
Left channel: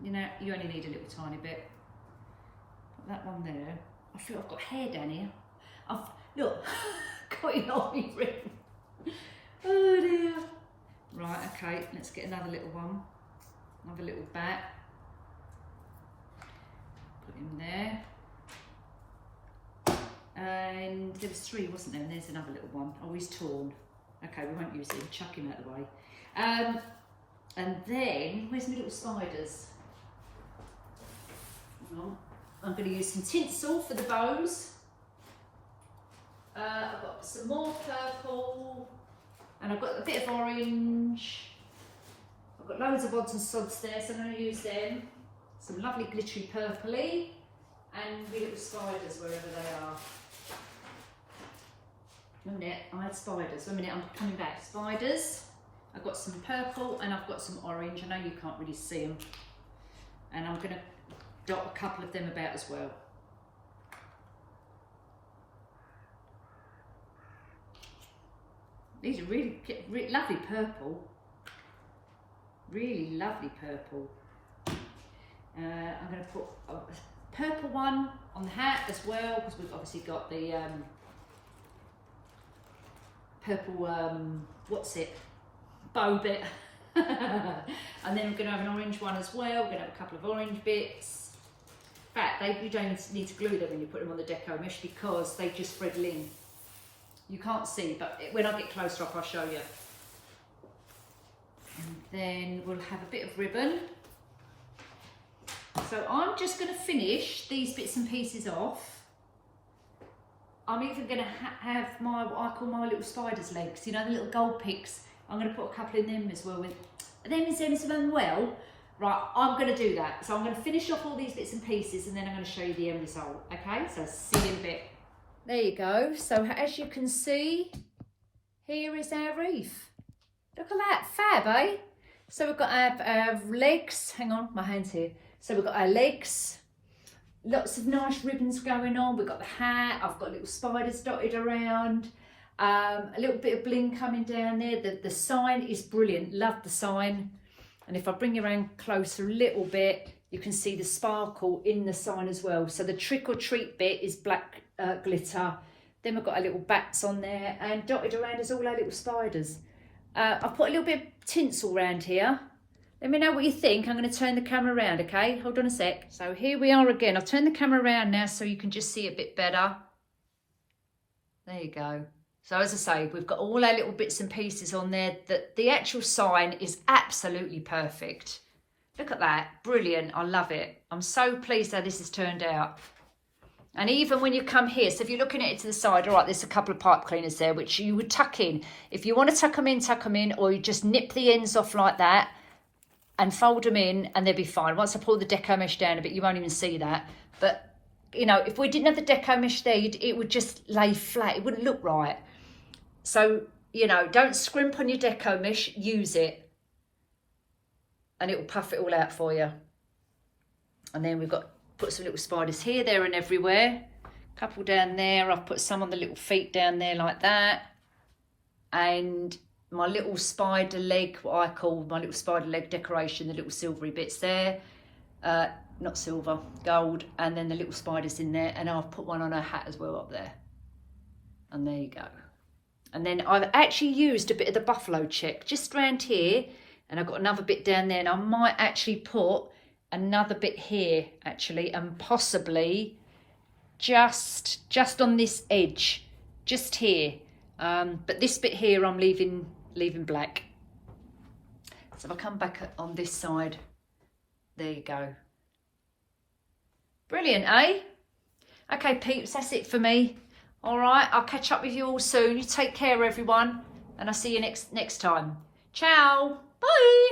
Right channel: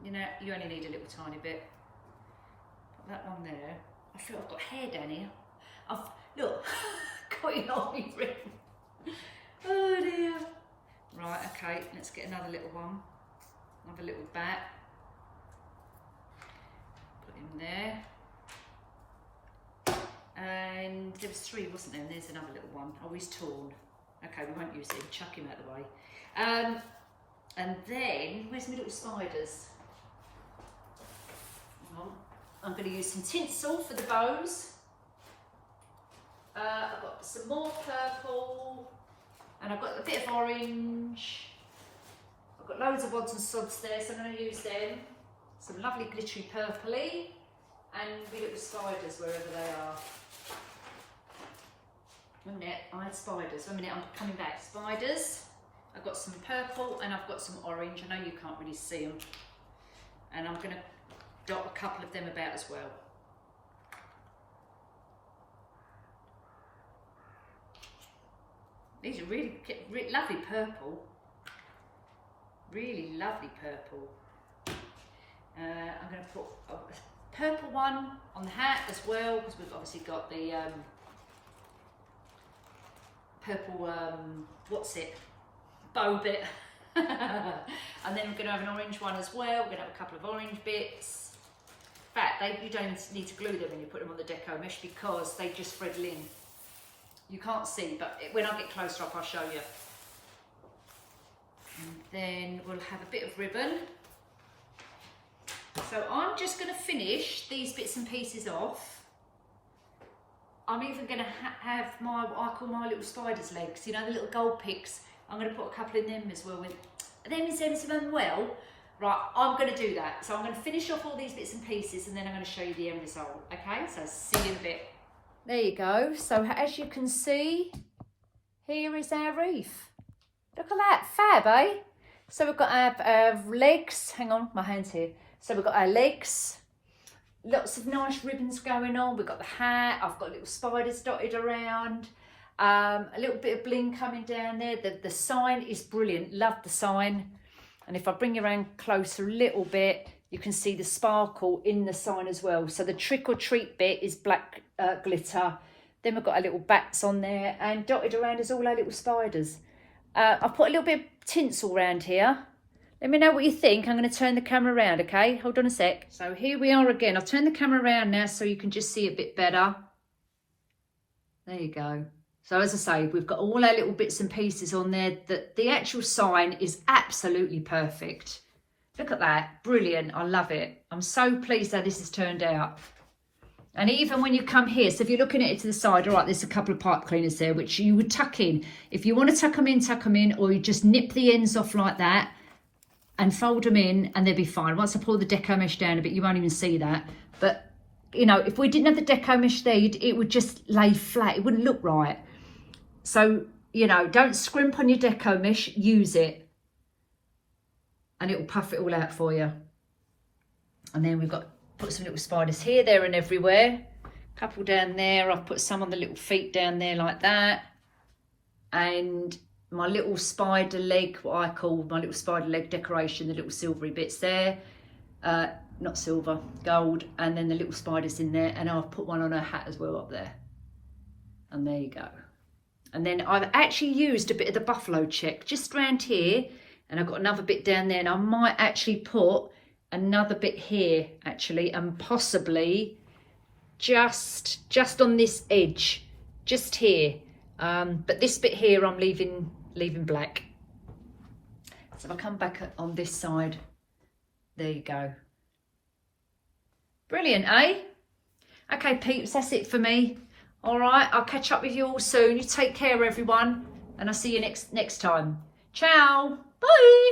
You know, you only need a little tiny bit. Put that one there. I feel I've got hair down here. Look, got it on me ring. Oh dear. Right, okay, let's get another little one. Another little bat. Put him there. And there was 3, wasn't there? And there's another little one. Oh, he's torn. Okay, we won't use him. Chuck him out of the way. And then, where's my little spiders? Hang on. I'm going to use some tinsel for the bows. I've got some more purple. And I've got a bit of orange. I've got loads of odds and sods there, so I'm going to use them. Some lovely glittery purpley. And my little spiders wherever they are. A minute, I had spiders. A minute, I'm coming back. Spiders. I've got some purple and I've got some orange. I know you can't really see them. And I'm going to dot a couple of them about as well. These are really lovely purple. Really lovely purple. I'm going to put a purple one on the hat as well, because we've obviously got the purple, what's it, bow bit. And then we're going to have an orange one as well. We're going to have a couple of orange bits. In fact, you don't need to glue them when you put them on the deco mesh, because they just spread in. You can't see, but when I get closer up, I'll show you. And then we'll have a bit of ribbon. So I'm just going to finish these bits and pieces off. I'm even going to have my, what I call my little spider's legs, you know, the little gold picks. I'm going to put a couple in them as well. Well, right, I'm going to do that. So I'm going to finish off all these bits and pieces, and then I'm going to show you the end result. Okay, so see you in a bit. There you go. So as you can see, here is our wreath. Look at that, fab, eh? So we've got our legs. Hang on, my hand's here. So we've got our legs, lots of nice ribbons going on. We've got the hat, I've got little spiders dotted around, a little bit of bling coming down there. The sign is brilliant, love the sign. And if I bring you around closer a little bit, you can see the sparkle in the sign as well. So the trick or treat bit is black glitter. Then we've got our little bats on there, and dotted around is all our little spiders. I've put a little bit of tinsel around here. Let me know what you think. I'm going to turn the camera around, okay? Hold on a sec. So here we are again. I've turned the camera around now so you can just see a bit better. There you go. So as I say, we've got all our little bits and pieces on there. The actual sign is absolutely perfect. Look at that. Brilliant. I love it. I'm so pleased how this has turned out. And even when you come here, so if you're looking at it to the side, all right, there's a couple of pipe cleaners there, which you would tuck in. If you want to tuck them in, or you just nip the ends off like that and fold them in, and they'll be fine. Once I pull the deco mesh down a bit, you won't even see that. But, you know, if we didn't have the deco mesh there, it would just lay flat. It wouldn't look right. So, you know, don't scrimp on your deco mesh, use it. And it will puff it all out for you. And then we've got, put some little spiders here, there and everywhere. A couple down there. I've put some on the little feet down there like that. And my little spider leg, what I call my little spider leg decoration, the little silvery bits there. Not silver, gold. And then the little spiders in there. And I've put one on her hat as well up there. And there you go. And then I've actually used a bit of the buffalo check just around here. And I've got another bit down there. And I might actually put another bit here actually, and possibly just on this edge, just here. But this bit here I'm leaving black. So if I come back on this side, there you go. Brilliant, eh? Okay, peeps, that's it for me. All right, I'll catch up with you all soon. You take care, everyone, and I'll see you next time. Ciao. Bye.